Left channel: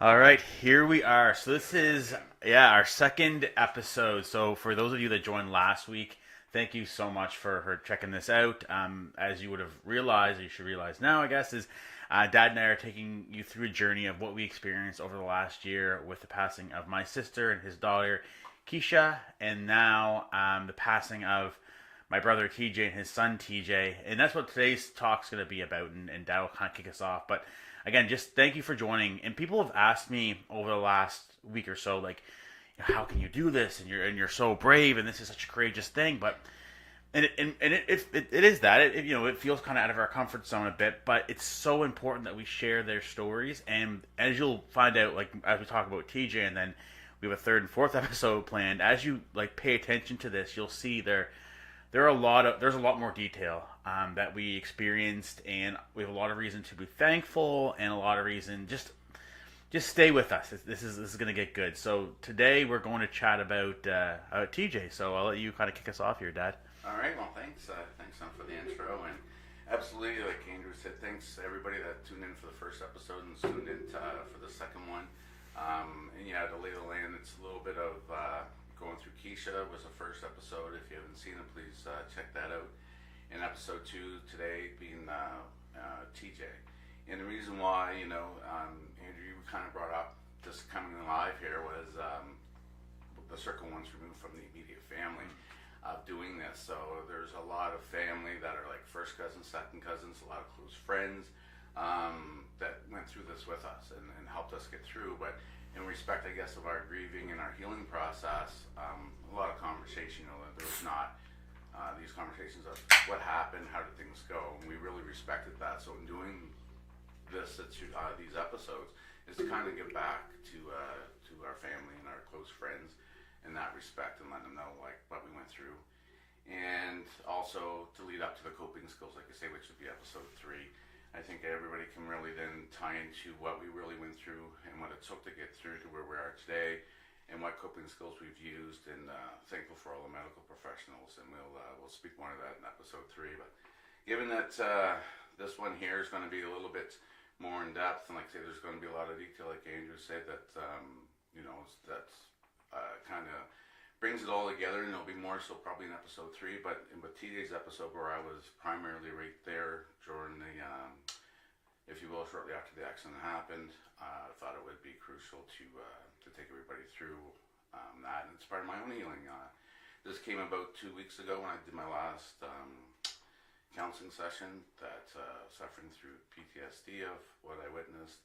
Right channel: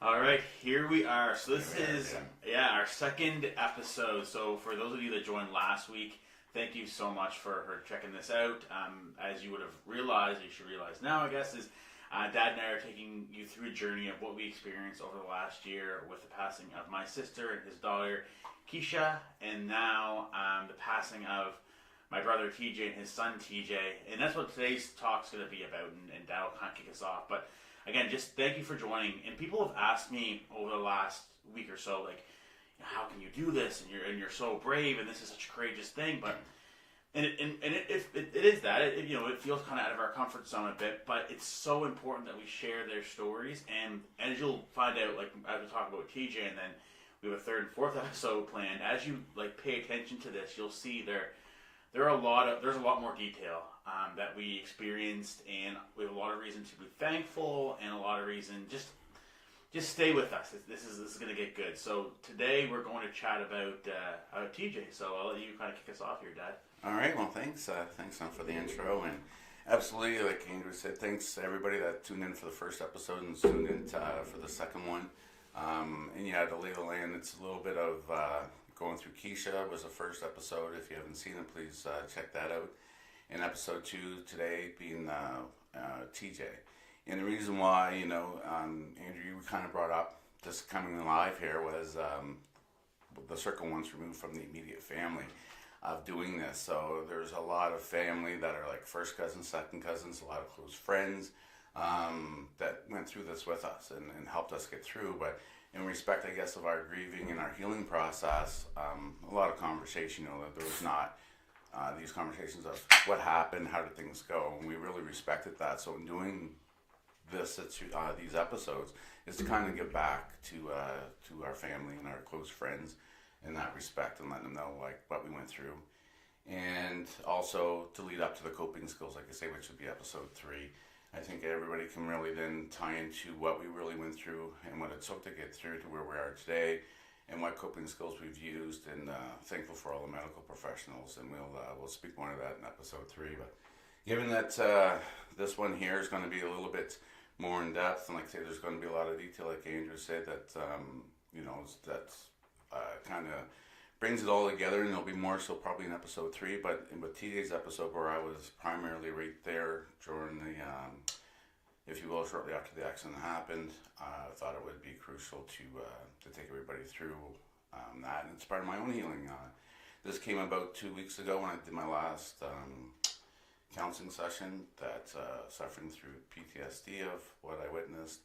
All right, here we are. So this is our second episode. So for those of you that joined last week, thank you so much for checking this out. As you would have realized, or you should realize now, I guess, is Dad and I are taking you through a journey of what we experienced over the last year with the passing of my sister and his daughter, Kiesha, and now the passing of my brother TJ and his son TJ. And that's what today's talk's going to be about, and Dad will kind of kick us off. But again, just thank you for joining. And people have asked me over the last week or so, like, how can you do this? And you're so brave, and this is such a courageous thing. But it is that it feels kind of out of our comfort zone a bit, but it's so important that we share their stories. And as you'll find out, like as we talk about TJ, and then we have a third and fourth episode planned. As you like pay attention to this, you'll see there's a lot more detail that we experienced, and we have a lot of reason to be thankful, and a lot of reason just stay with us. This is gonna get good. So today we're going to chat about TJ. So I'll let you kind of kick us off here, Dad. All right. Well, thanks. Thanks, Son, for the intro, and absolutely, like Andrew said, thanks to everybody that tuned in for the first episode and tuned in for the second one. And yeah, to lay the land, it's a little bit of going through Kiesha was the first episode. If you haven't seen it, please check that out. And episode 2 today being TJ. And the reason why, Andrew, you kind of brought up this coming live here was the circle once removed from the immediate family of doing this. So there's a lot of family that are like first cousins, second cousins, a lot of close friends that went through this with us and helped us get through. But in respect, I guess, of our grieving and our healing process, a lot of conversation, that there was not these conversations of what happened, how did things go, and we really respected that. So in doing these episodes is to kind of give back to our family and our close friends in that respect, and let them know like what we went through, and also to lead up to the coping skills, like I say, which would be episode 3. I think everybody can really then tie into what we really went through and what it took to get through to where we are today, and what coping skills we've used, and thankful for all the medical professionals, and we'll speak more of that in episode 3. But given that this one here is going to be a little bit more in depth, and like I say, there's going to be a lot of detail, like Andrew said, that that's kind of brings it all together, and there'll be more so probably in episode 3. But with TJ's episode, where I was primarily right there during the, if you will, shortly after the accident happened, I thought it would be crucial to take everybody through that, and it's part of my own healing. This came about 2 weeks ago when I did my last counseling session. That suffering through PTSD of what I witnessed,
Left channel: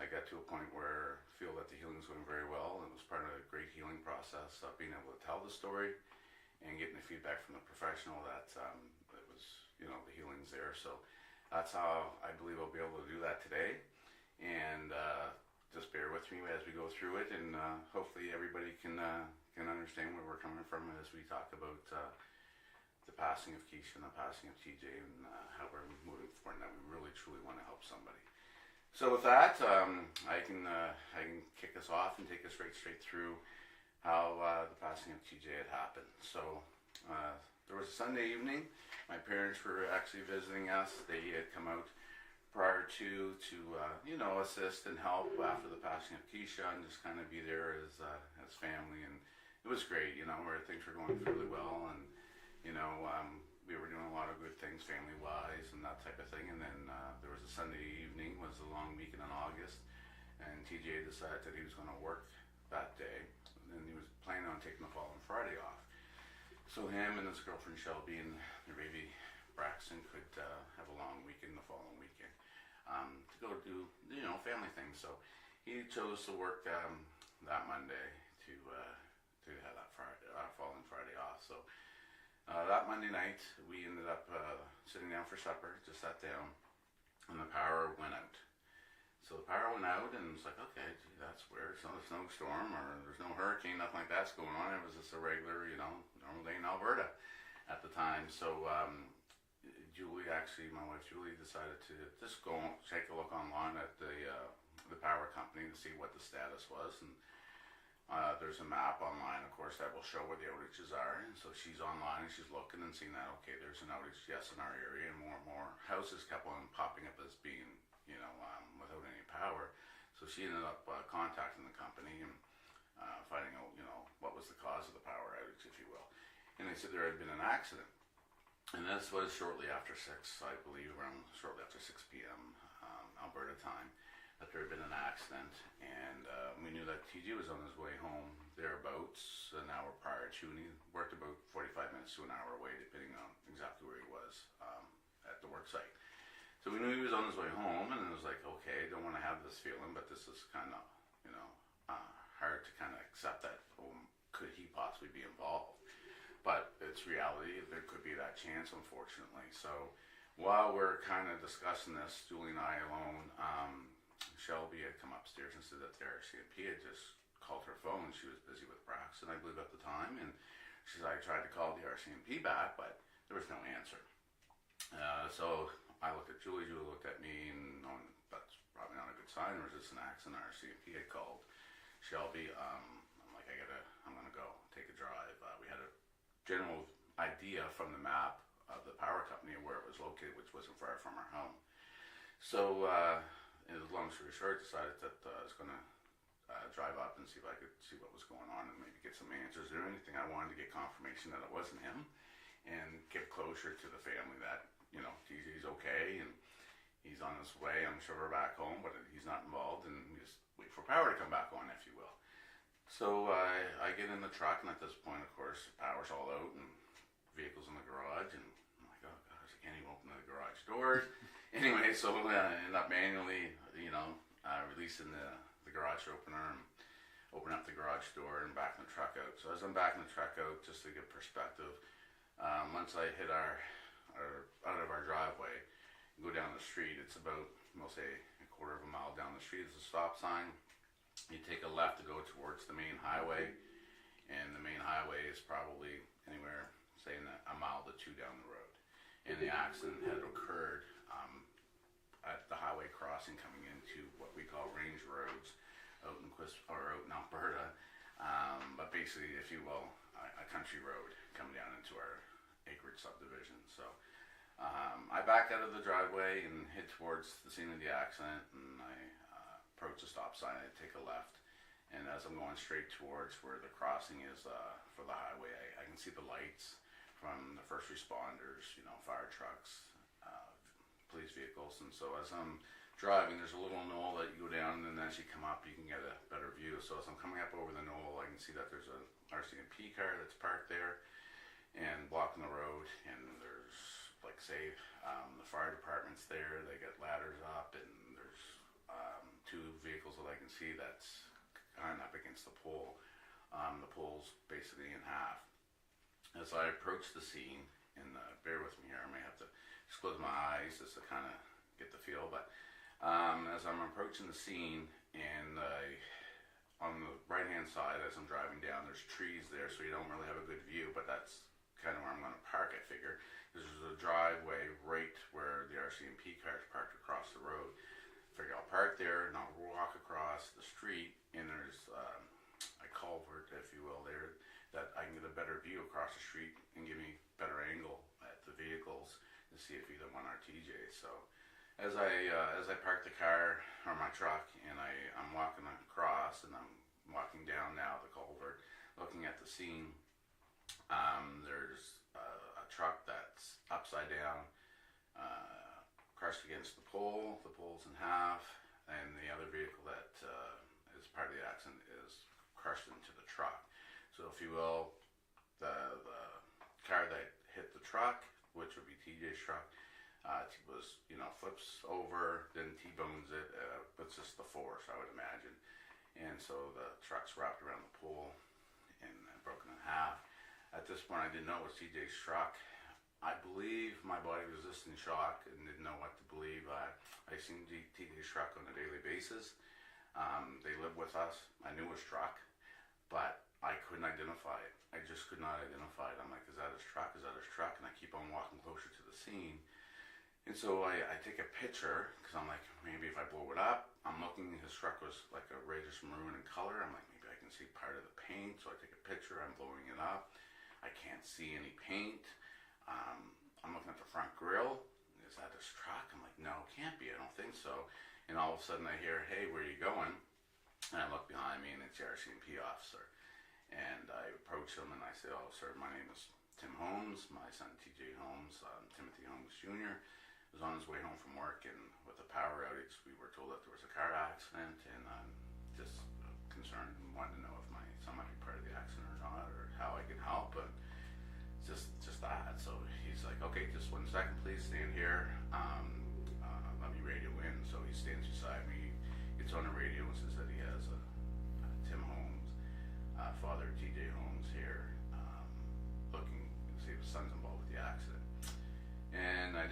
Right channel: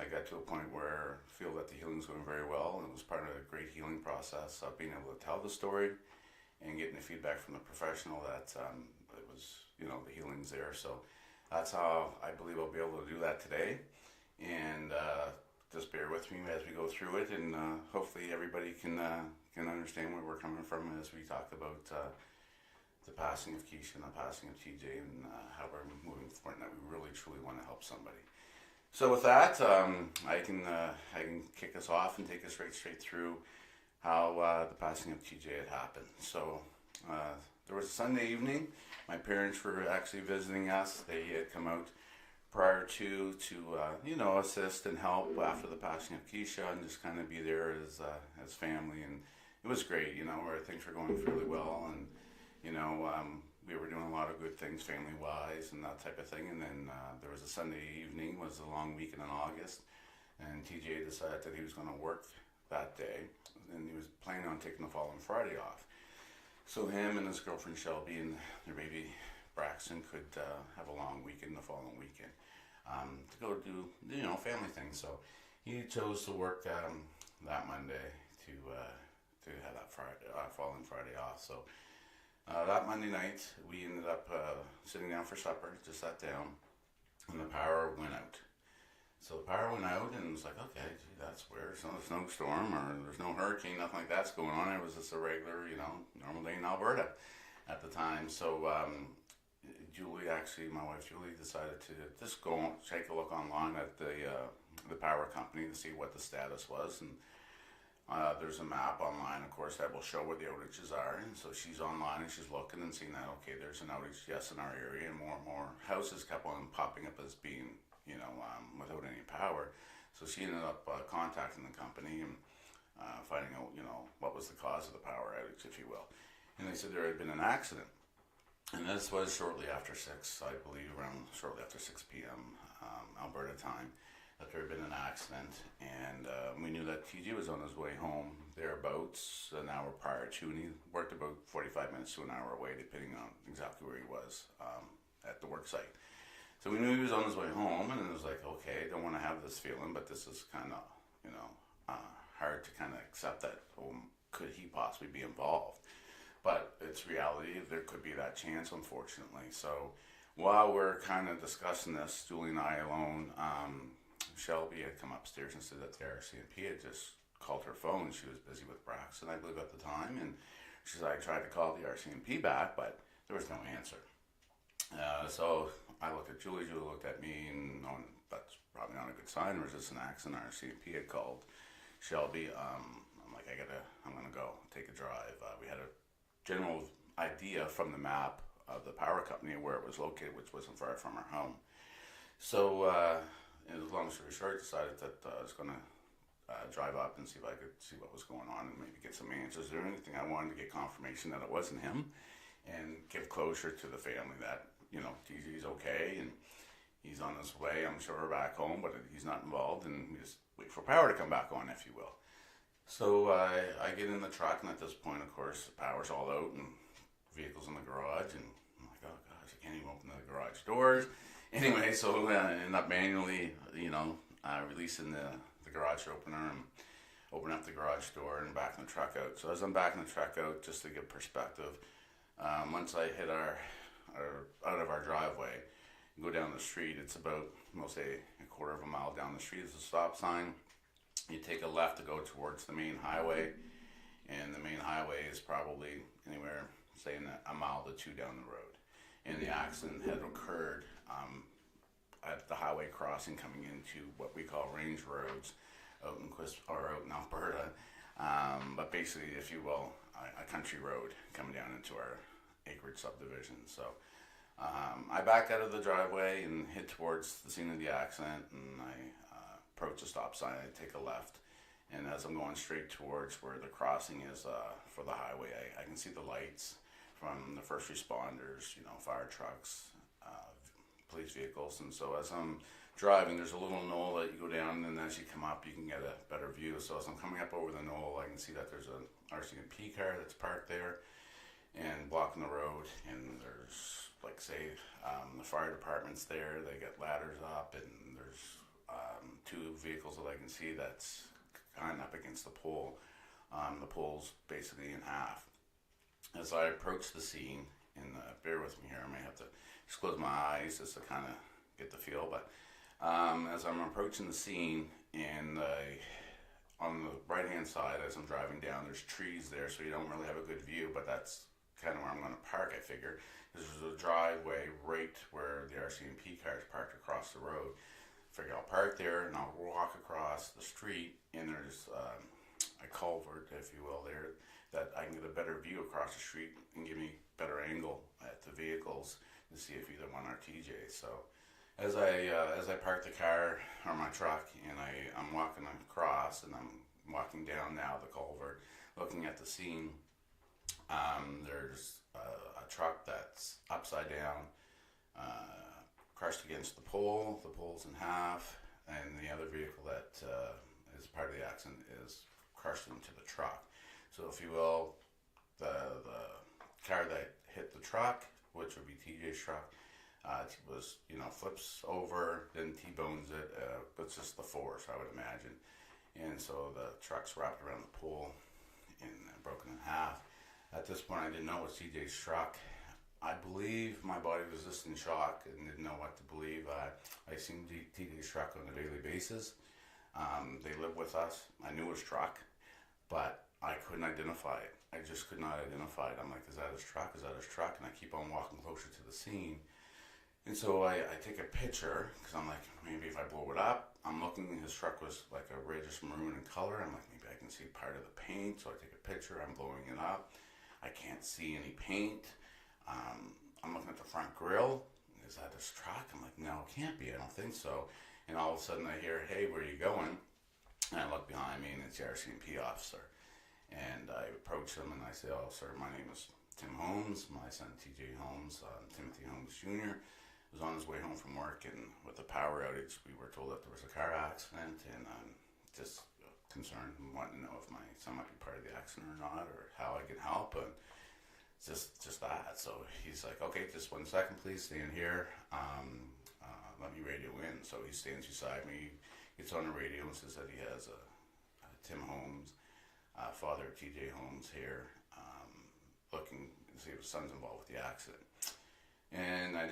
I got to a point where I feel that the healing's going very well. It was part of a great healing process of being able to tell the story and getting the feedback from the professional that it was, the healing's there. So that's how I believe I'll be able to do that today. And just bear with me as we go through it, and hopefully everybody can understand where we're coming from as we talk about the passing of Kiesha and the passing of TJ, and how we're moving forward, and that we really truly want to help somebody. So with that, I can kick us off and take us straight through how the passing of TJ had happened. So there was a Sunday evening. My parents were actually visiting us. They had come out prior to assist and help after the passing of Kiesha, and just kind of be there as family. And it was great, where things were going really well, and we were doing a lot of good things family-wise and that type of thing. And then there was a Sunday evening, was a long weekend in August, and TJ decided that he was going to work that day, and he was planning on taking the following Friday off. So him and his girlfriend Shelby and their baby Braxton could have a long weekend the following weekend to go do family things. So he chose to work that Monday to have that following Friday off. So that Monday night, we ended up sitting down for supper, just sat down, and the power went out. So the power went out, and it was like, okay, gee, that's weird. It's not a snowstorm, or there's no hurricane, nothing like that's going on. It was just a regular, normal day in Alberta at the time. So Julie, actually, my wife Julie, decided to just go and take a look online at the power company to see what the status was. And there's a map online, of course, that will show where the outages are. And so she's online and she's looking and seeing that, okay, there's an outage, yes, in our area. And more houses kept on popping up as being, without any power. So So she ended up contacting the company and finding out, what was the cause of the power outage, if you will. And they said there had been an accident. And this was shortly after 6, I believe, around shortly after 6 p.m. Alberta time, that there had been an accident. And we knew that TJ was on his way home thereabouts an hour prior to, and he worked about 45 minutes to an hour away, depending on exactly where he was at the work site. So we knew he was on his way home, and it was like, okay, I don't want to have this feeling, but this is kind of, hard to kind of accept that, could he possibly be involved? But it's reality, there could be that chance, unfortunately. So while we're kind of discussing this, Julie and I alone, Shelby had come upstairs and said that the RCMP had just called her phone. She was busy with Braxton, I believe, at the time. And she said, I tried to call the RCMP back, but there was no answer. So I looked at Julie looked at me, and knowing that's probably not a good sign. There was just an accident. RCMP had called Shelby. I'm like, I'm going to go take a drive. We had a general idea from the map of the power company where it was located, which wasn't far from our home. So, as long story short, I decided that I was going to drive up and see if I could see what was going on and maybe get some answers or anything. I wanted to get confirmation that it wasn't him and give closure to the family that, TJ's okay and he's on his way, I'm sure, back home, but he's not involved, and we just wait for power to come back on, if you will. So I get in the truck, and at this point, of course, the power's all out, and vehicles in the garage, and I'm like, oh gosh, I can't even open the garage doors. Anyway, so I end up manually, releasing the garage opener and open up the garage door and backing the truck out. So as I'm backing the truck out, just to give perspective, once I hit out of our driveway, go down the street, it's about, we'll say, a quarter of a mile down the street is a stop sign. You take a left to go towards the main highway, and the main highway is probably anywhere, saying a mile to 2 down the road. And the accident had occurred at the highway crossing coming into what we call range roads out in Alberta, but basically, if you will, a country road coming down into our acreage subdivision. So I back out of the driveway and head towards the scene of the accident, and I approach the stop sign, I take a left, and as I'm going straight towards where the crossing is for the highway, I can see the lights from the first responders, fire trucks, police vehicles. And so as I'm driving, there's a little knoll that you go down, and as you come up, you can get a better view. So as I'm coming up over the knoll, I can see that there's an RCMP car that's parked there and blocking the road, and there's, like, say, the fire department's there. They get ladders up, and there's 2 vehicles that I can see that's kind of up against the pole. The pole's basically in half. As I approach the scene, and bear with me here, I may have to just close my eyes just to kind of get the feel, but as I'm approaching the scene, and on the right hand side as I'm driving down, there's trees there, so you don't really have a good view, but that's kind of where I'm going to park, I figure. There's a driveway right where the RCMP car is parked across the road. Figure I'll park there and I'll walk across the street, and there's a culvert, if you will, there, that I can get a better view across the street and give me better angle at the vehicles to see if either one are TJ. So as I park the car or my truck, and I'm walking across, and I'm walking down now the culvert, looking at the scene, there's a truck that's upside down, crushed against the pole. The pole's in half, and the other vehicle that is part of the accident is crushed into the truck. So, if you will, the car that hit the truck, which would be TJ's truck, was, flips over, then T-bones it. It's just the force, I would imagine. And so the truck's wrapped around the pole and broken in half. At this point, I didn't know it was TJ's truck. I believe my body was just in shock and didn't know what to believe. I seen TJ's truck on a daily basis. They live with us. I knew his truck, but I couldn't identify it. I just could not identify it. I'm like, is that his truck? Is that his truck? And I keep on walking closer to the scene. And so I take a picture, because I'm like, maybe if I blow it up, I'm looking, his truck was like a reddish maroon in color. I'm like, maybe I can see part of the paint. So I take a picture, I'm blowing it up. I can't see any paint. I'm looking at the front grill. Is that his truck? I'm like, no, it can't be. I don't think so. And all of a sudden I hear, hey, where are you going? the RCMP officer. And I approached him and I said, "Oh, sir, my name is Tim Holmes. My son TJ Holmes, Timothy Holmes Jr., was on his way home from work, and with the power outage, we were told that there was a car accident, and I'm just concerned and wanting to know if my son might be part of the accident or not, or how I can help." And just that. So he's like, "Okay, just 1 second, please, stay in here. Let me radio in." So he stands beside me, gets on the radio and says that he has a Tim Holmes, father of TJ Holmes here, looking to see if his son's involved with the accident. And I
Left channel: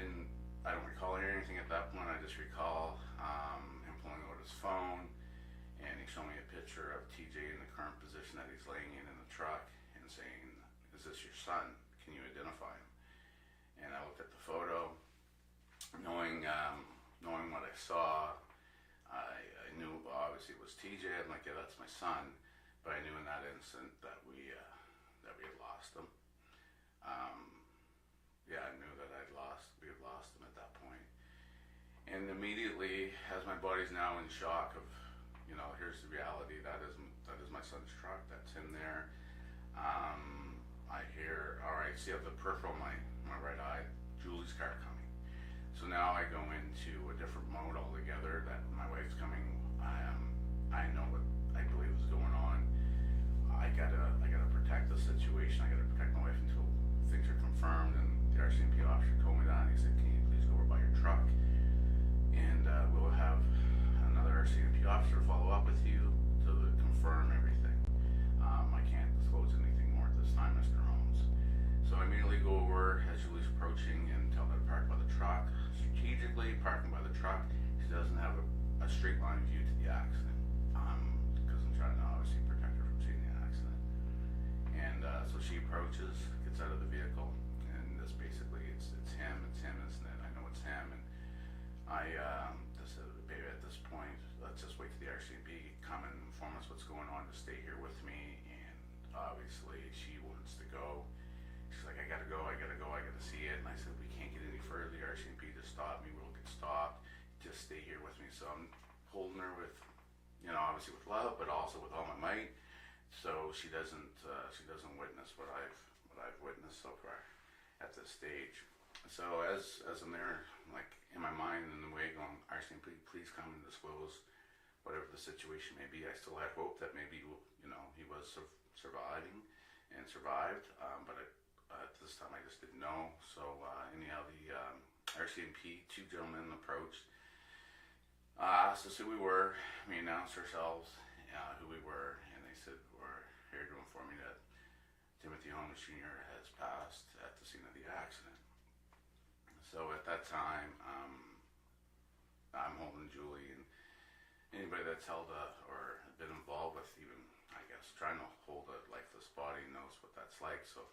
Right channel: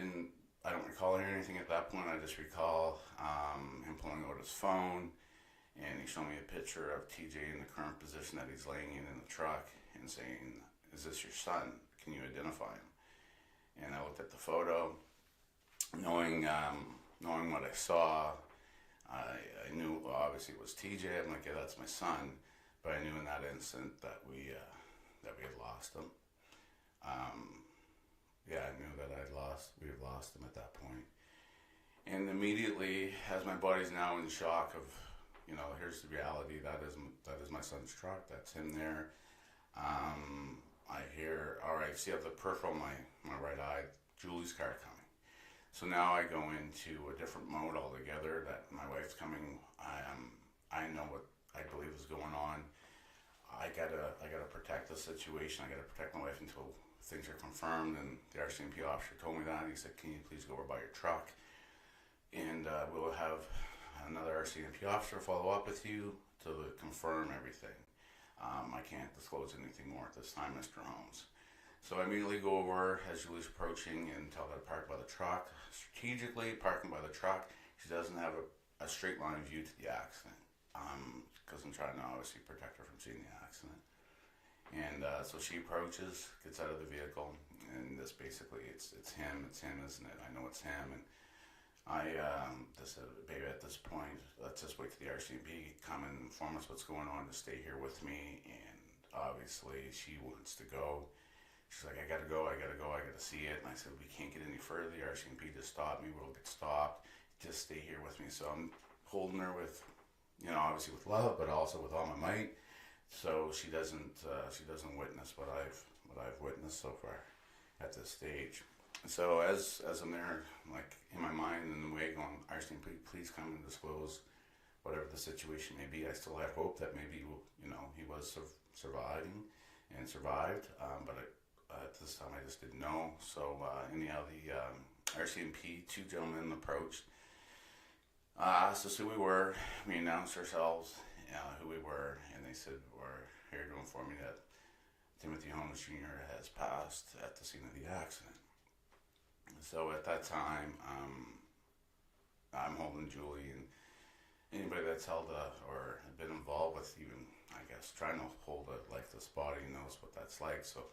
don't recall hearing anything at that point. I just recall him pulling out his phone, and he showed me a picture of TJ in the current position that he's laying in the truck, and saying, "Is this your son? Can you identify him?" And I looked at the photo, knowing what I saw. I knew, well, obviously it was TJ. I'm like, "Yeah, that's my son." But I knew in that instant that we had lost him. Yeah, I knew that we had lost him at that point. And immediately, as my body's now in shock of, here's the reality. That is my son's truck. That's him there. I hear, all right, see up the peripheral, my right eye, Julie's car coming. So now I go into a different mode altogether. That my wife's coming. I know what I believe is going on. I gotta protect the situation. I gotta protect my wife until things are confirmed. And the RCMP officer told me that. He said, "Can you please go over by your truck, and we'll have another RCMP officer follow up with you to confirm everything. I can't disclose anything more at this time, Mr. Holmes." So I immediately go over as Julie's approaching and tell her to park by the truck. Strategically parking by the truck. She doesn't have a straight line view to the accident, because I'm trying to obviously protect her from seeing the accident. And so she approaches, gets out of the vehicle, and this basically it's him, isn't it? I know it's him. And I just said, "Baby, at this point, let's just wait for the RCMP come and inform us what's going on, to stay here with me." And obviously she wants to go. She's like, "I gotta go, I gotta see it." And I said, "We can't get any further. The RCMP just stopped me. We'll get stopped. Just stay here with me." So I'm holding her with, obviously with love, but also with all my might. So she doesn't witness what I've witnessed so far at this stage. So as I'm there, like in my mind, in the way going, "RCMP, please come and disclose whatever the situation may be." I still had hope that maybe he was surviving and survived, but at this time I just didn't know. So anyhow, the RCMP, two gentlemen approached, asked us who we were. We announced ourselves, who we were, and they said, "We're here to inform you that Timothy Holmes Jr. has passed at the scene of the accident." So at that time, I'm holding Julie, and anybody that's held or been involved with even, I guess, trying to hold a lifeless body knows what that's like. So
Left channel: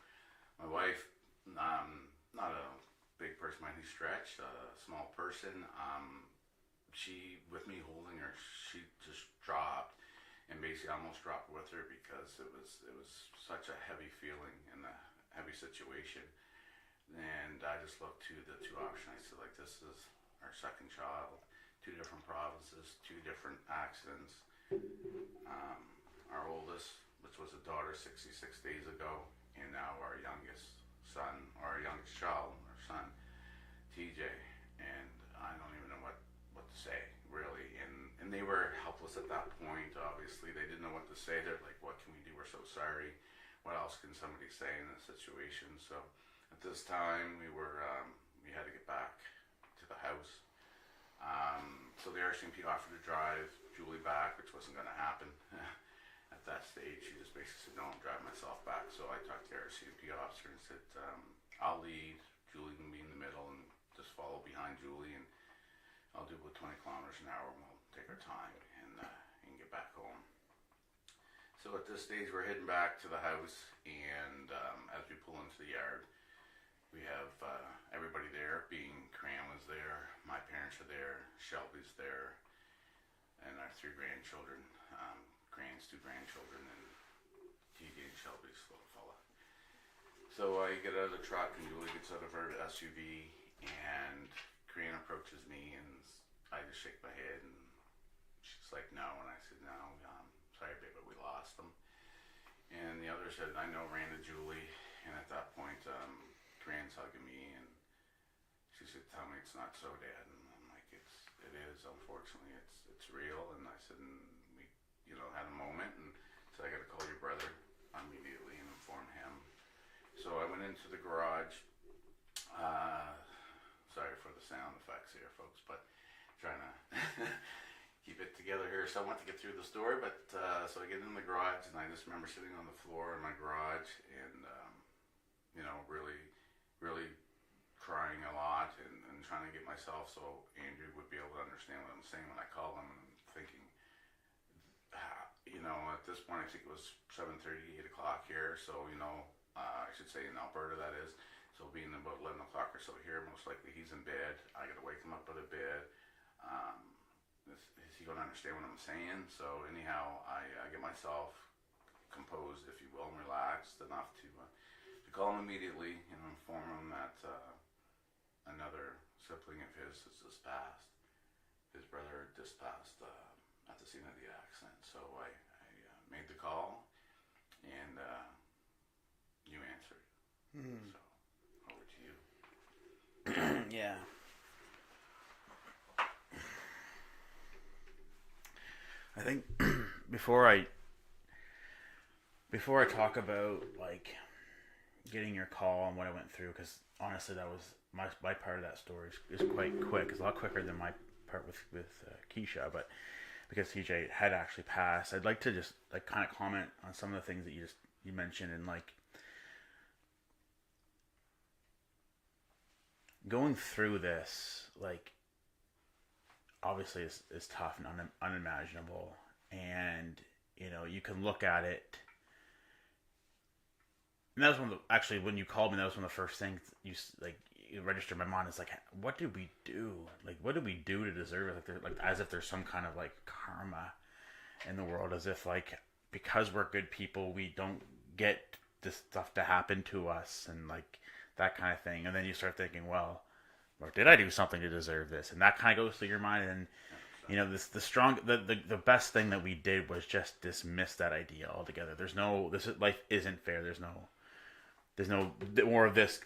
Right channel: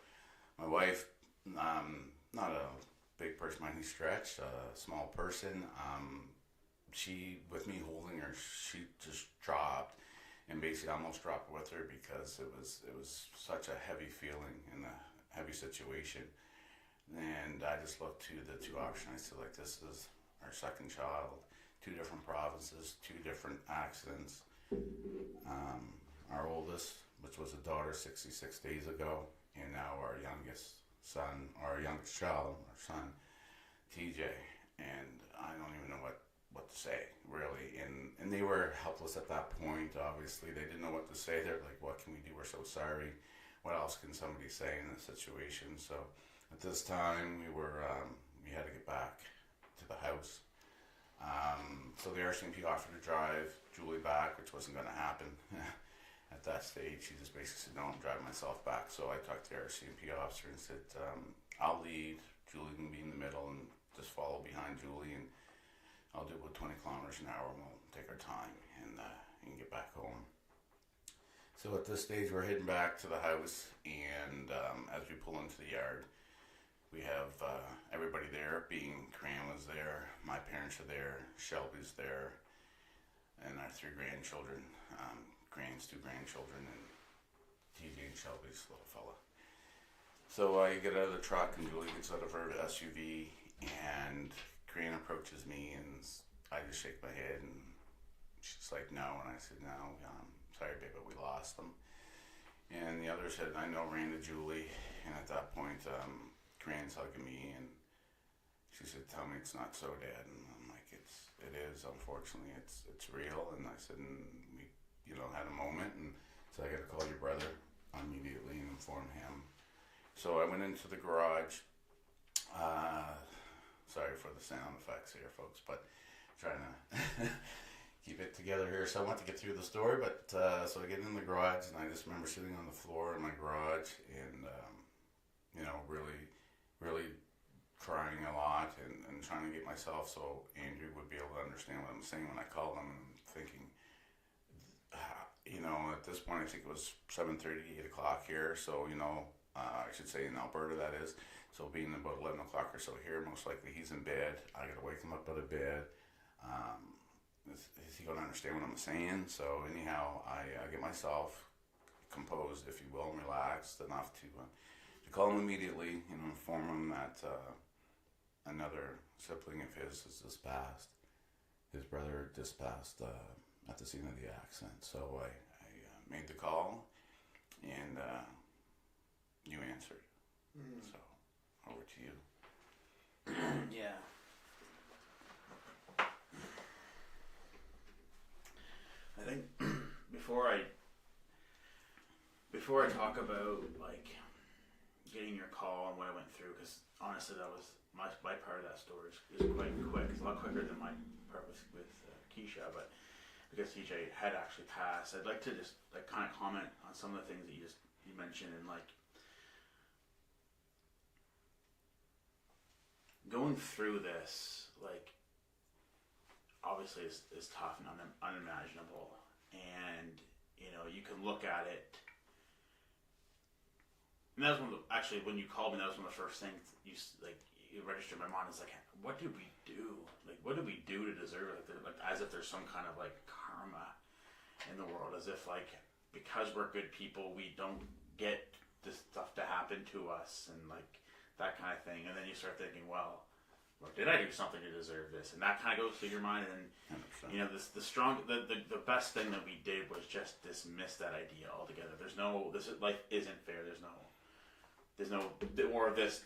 my wife, not a big person by any stretch, a small person, she, with me holding her, she just dropped, and basically almost dropped with her, because it was such a heavy feeling and a heavy situation. And I just looked to the two options. I said, like, this is our second child, two different provinces, two different accidents. Our oldest, which was a daughter 66 days ago, and now our youngest son, or our youngest child, our son, TJ. And I don't even know what to say, really. And they were helpless at that point, obviously. They didn't know what to say. They're like, "What can we do? We're so sorry. What else can somebody say in this situation?" So at this time, we had to get back to the house. So the RCMP offered to drive Julie back, which wasn't going to happen. At that stage, she just basically said, "No, I'm driving myself back." So I talked to the RCMP officer and said, "I'll lead. Julie can be in the middle and just follow behind Julie, and I'll do about 20 kilometers an hour, and we'll take our time and get back home." So at this stage, we're heading back to the house, and as we pull into the yard, we have everybody there. Being Cram was there, my parents are there, Shelby's there, and our three grandchildren, Grant's two grandchildren, and TJ and Shelby's little fella. So I get out of the truck, and Julie gets out of her SUV, and Grant approaches me, and I just shake my head, and she's like, "No," and I said, "No, sorry, babe, but we lost him. And the other said, I know, ran to Julie. And at that point, Gran's hugging me, and she said, tell me it's not so, Dad. And I'm like, it is, unfortunately, it's real. And I said, and we, had a moment, and so I got to call your brother immediately and inform him. So I went into the garage. Sorry for the sound effects here, folks, but trying to keep it together here. So I want to get through the story, but so I get in the garage, and I just remember sitting on the floor in my garage and, really, really crying a lot and trying to get myself so Andrew would be able to understand what I'm saying when I called him, and thinking, at this point, I think it was 7:30, 8 o'clock here, so, I should say in Alberta, that is. So being about 11 o'clock or so here, most likely he's in bed. I got to wake him up out of bed. Is he going to understand what I'm saying? So anyhow, I get myself composed, if you will, and relaxed enough to call him immediately and inform him that another sibling of his has just passed. His brother just passed at the scene of the accident. So I made the call, and you answered. So over to you. Yeah. I think before I talk about like getting your call and what I went through, because honestly, that was my part of that story is quite quick. It's a lot quicker than my part with Kiesha, but because TJ had actually passed, I'd like to just like kind of comment on some of the things that you mentioned, and like going through this, like obviously is tough and unimaginable, and you can look at it. And that was actually when you called me, that was one of the first things you registered in my mind. Is like, what did we do? Like, what did we do to deserve it? Like as if there's some kind of like karma in the world, as if like because we're good people, we don't get this stuff to happen to us, and like that kind of thing. And then you start thinking, well, or did I do something to deserve this? And that kind of goes through your mind. And the best thing that we did was just dismiss that idea altogether. Life isn't fair. There's no more of this.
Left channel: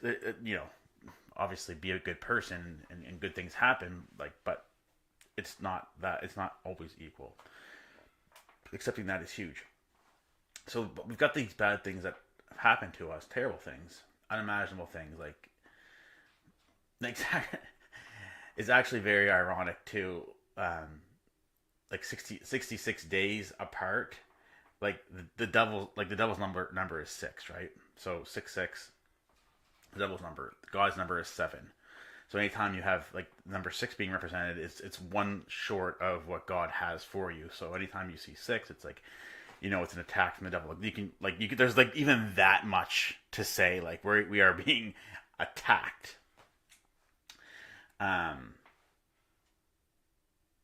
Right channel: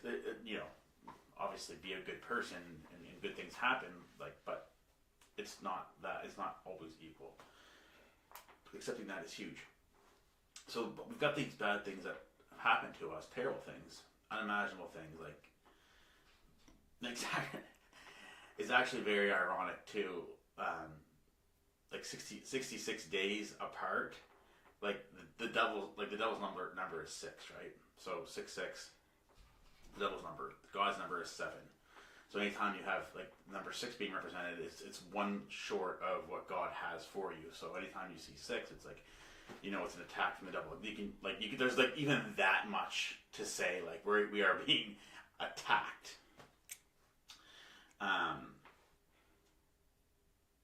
Obviously be a good person and good things happen. Like, but it's not that. It's not always equal. Accepting that is huge. So, but we've got these bad things that happen to us, terrible things, unimaginable things. Like it's actually very ironic too. Like 66 days apart. Like the devil's number is 6, right? So 6. The devil's number, God's number is 7. So anytime you have like number 6 being represented, it's one short of what God has for you. So anytime you see 6, it's like, it's an attack from the devil. You can there's like even that much to say, like we are being attacked. And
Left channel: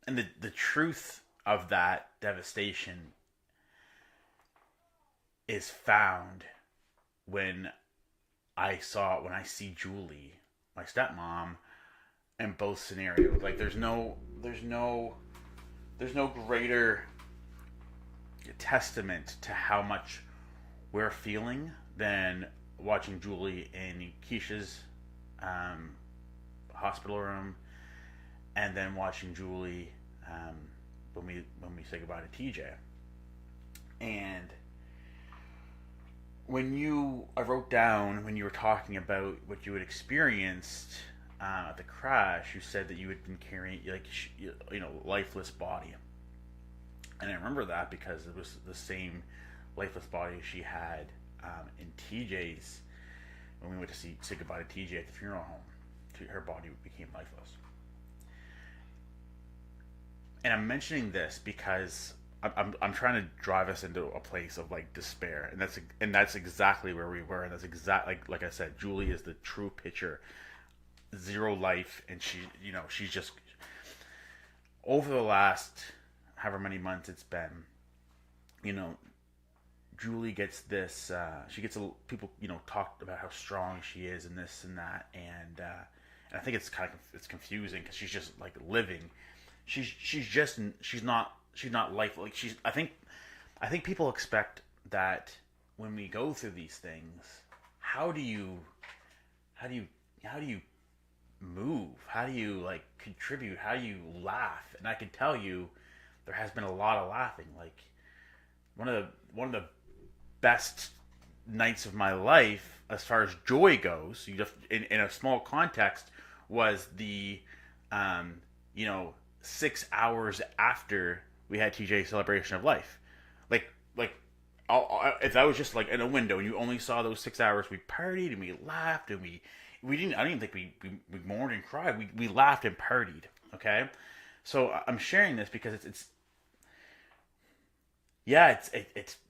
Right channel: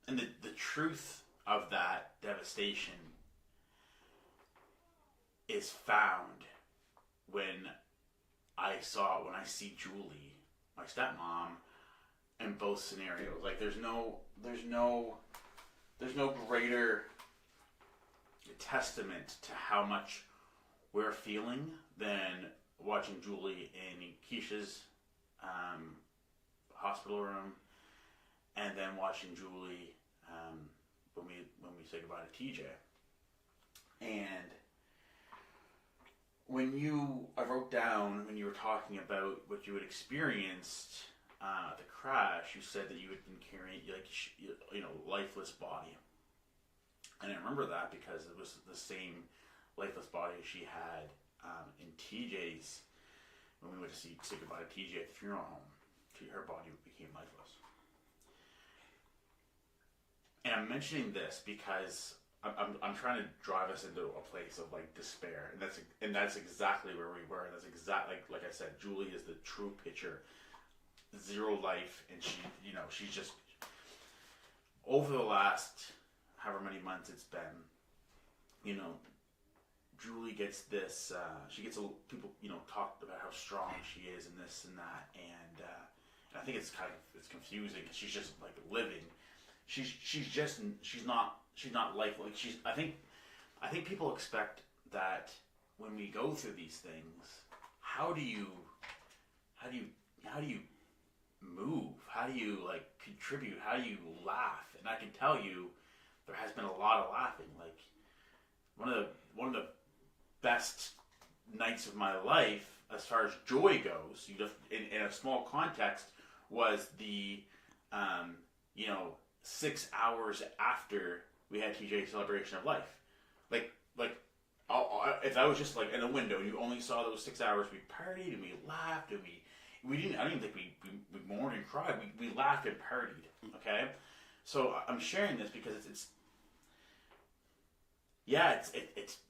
the truth of that devastation is found when I see Julie, my stepmom, in both scenarios. Like there's no greater testament to how much we're feeling than watching Julie in Kiesha's hospital room, and then watching Julie when we say goodbye to TJ. And I wrote down when you were talking about what you had experienced at the crash, you said that you had been carrying lifeless body, and I remember that because it was the same lifeless body she had in TJ's when we went to say goodbye to TJ at the funeral home. Her body became lifeless. And I'm mentioning this because I'm trying to drive us into a place of like despair, and that's exactly where we were. And that's like I said, Julie is the true picture, zero life, and she's just over the last however many months it's been. Julie gets this. People talk about how strong she is and this and that, and I think it's confusing because she's just like living. She's not life. Like I think I think people expect that when we go through these things, how do you how do you how do you move? How do you like contribute? How do you laugh? And I can tell you there has been a lot of laughing. Like one of the best nights of my life as far as joy goes, you just in a small context, was the um, 6 hours after we had TJ's celebration of life. Like if I was just like in a window and you only saw those 6 hours, we partied and we laughed and we didn't. I don't even think we mourned and cried. We laughed and partied. Okay, so I'm sharing this because it's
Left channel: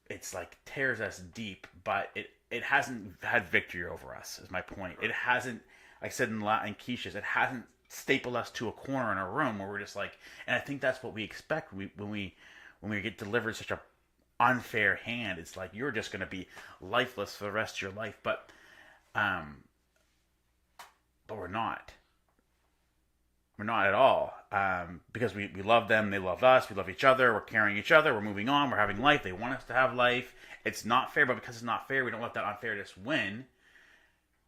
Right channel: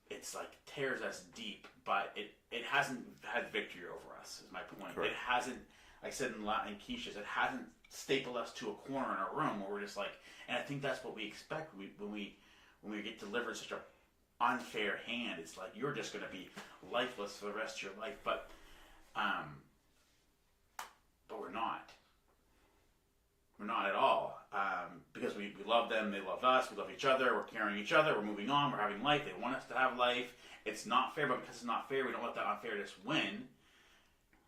it's like tears us deep, but it hasn't had victory over us. Is my point. Right. It hasn't. I said in Kiesha's, it hasn't stapled us to a corner in a room where we're just like. And I think that's what we expect when we get delivered such a unfair hand. It's like you're just going to be lifeless for the rest of your life, but we're not. We're not at all. Because we love them, they love us, we love each other, we're carrying each other, we're moving on, we're having life, they want us to have life. It's not fair, but because it's not fair, we don't let that unfairness win.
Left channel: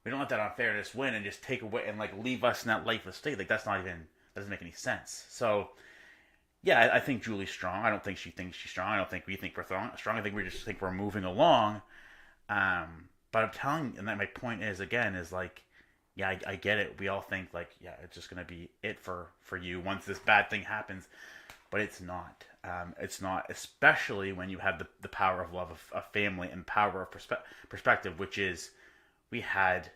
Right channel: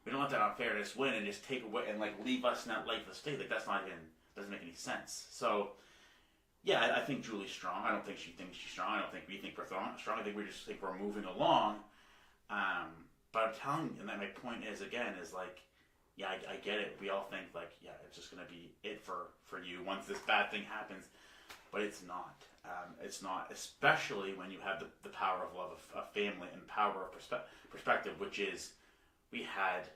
We don't let that unfairness win and just take away and like leave us in that lifeless state. Like that's not even, doesn't make any sense. So yeah, I think Julie's strong. I don't think she thinks she's strong. I don't think we think we're strong. I think we just think we're moving along. But I'm telling you, and that my point is again is like, yeah, I get it. We all think like, yeah, it's just gonna be it for you once this bad thing happens, but it's not. It's not, especially when you have the power of love of family and power of perspective, which is we had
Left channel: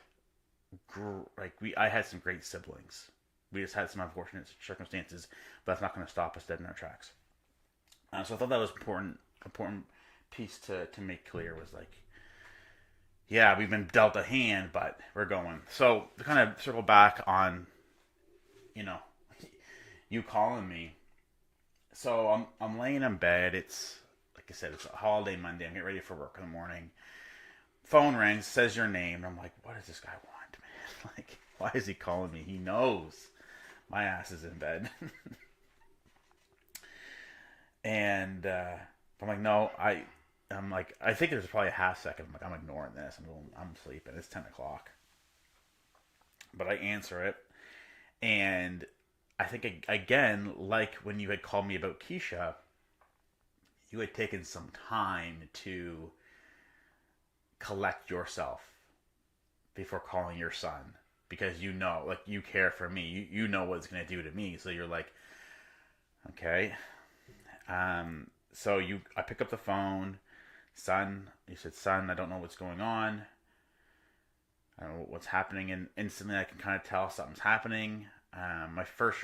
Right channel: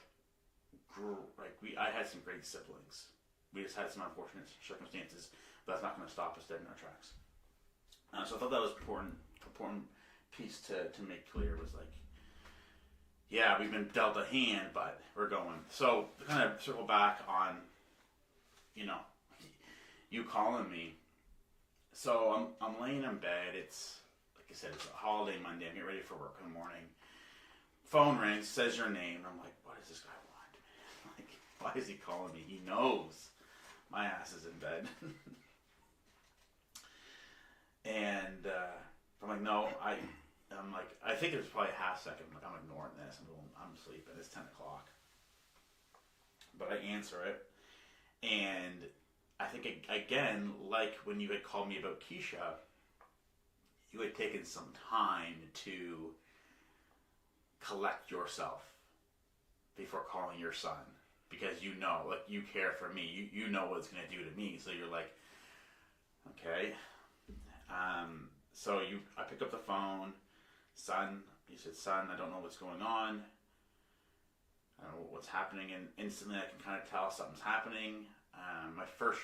I had some great siblings. We just had some unfortunate circumstances, but that's not going to stop us dead in our tracks. So I thought that was important piece to make clear was like, yeah, we've been dealt a hand, but we're going. So to kind of circle back on, you calling me. So I'm laying in bed. It's like I said, it's a holiday Monday. I'm getting ready for work in the morning. Phone rings, says your name. And I'm like, what does this guy want, man? Like, why is he calling me? He knows my ass is in bed. And I'm like, no, I'm like, I think there's probably a half second. I'm like, I'm ignoring this. I'm sleeping. It's 10 o'clock. But I answer it. And I think, again, like when you had called me about Kiesha, you had taken some time to collect yourself before calling your son. Because like, you care for me. You know what it's going to do to me. So you're like, okay. So I pick up the phone. Son, you said, son, I don't know what's going on. I don't know what's happening. And instantly I can kind of tell something's happening. My first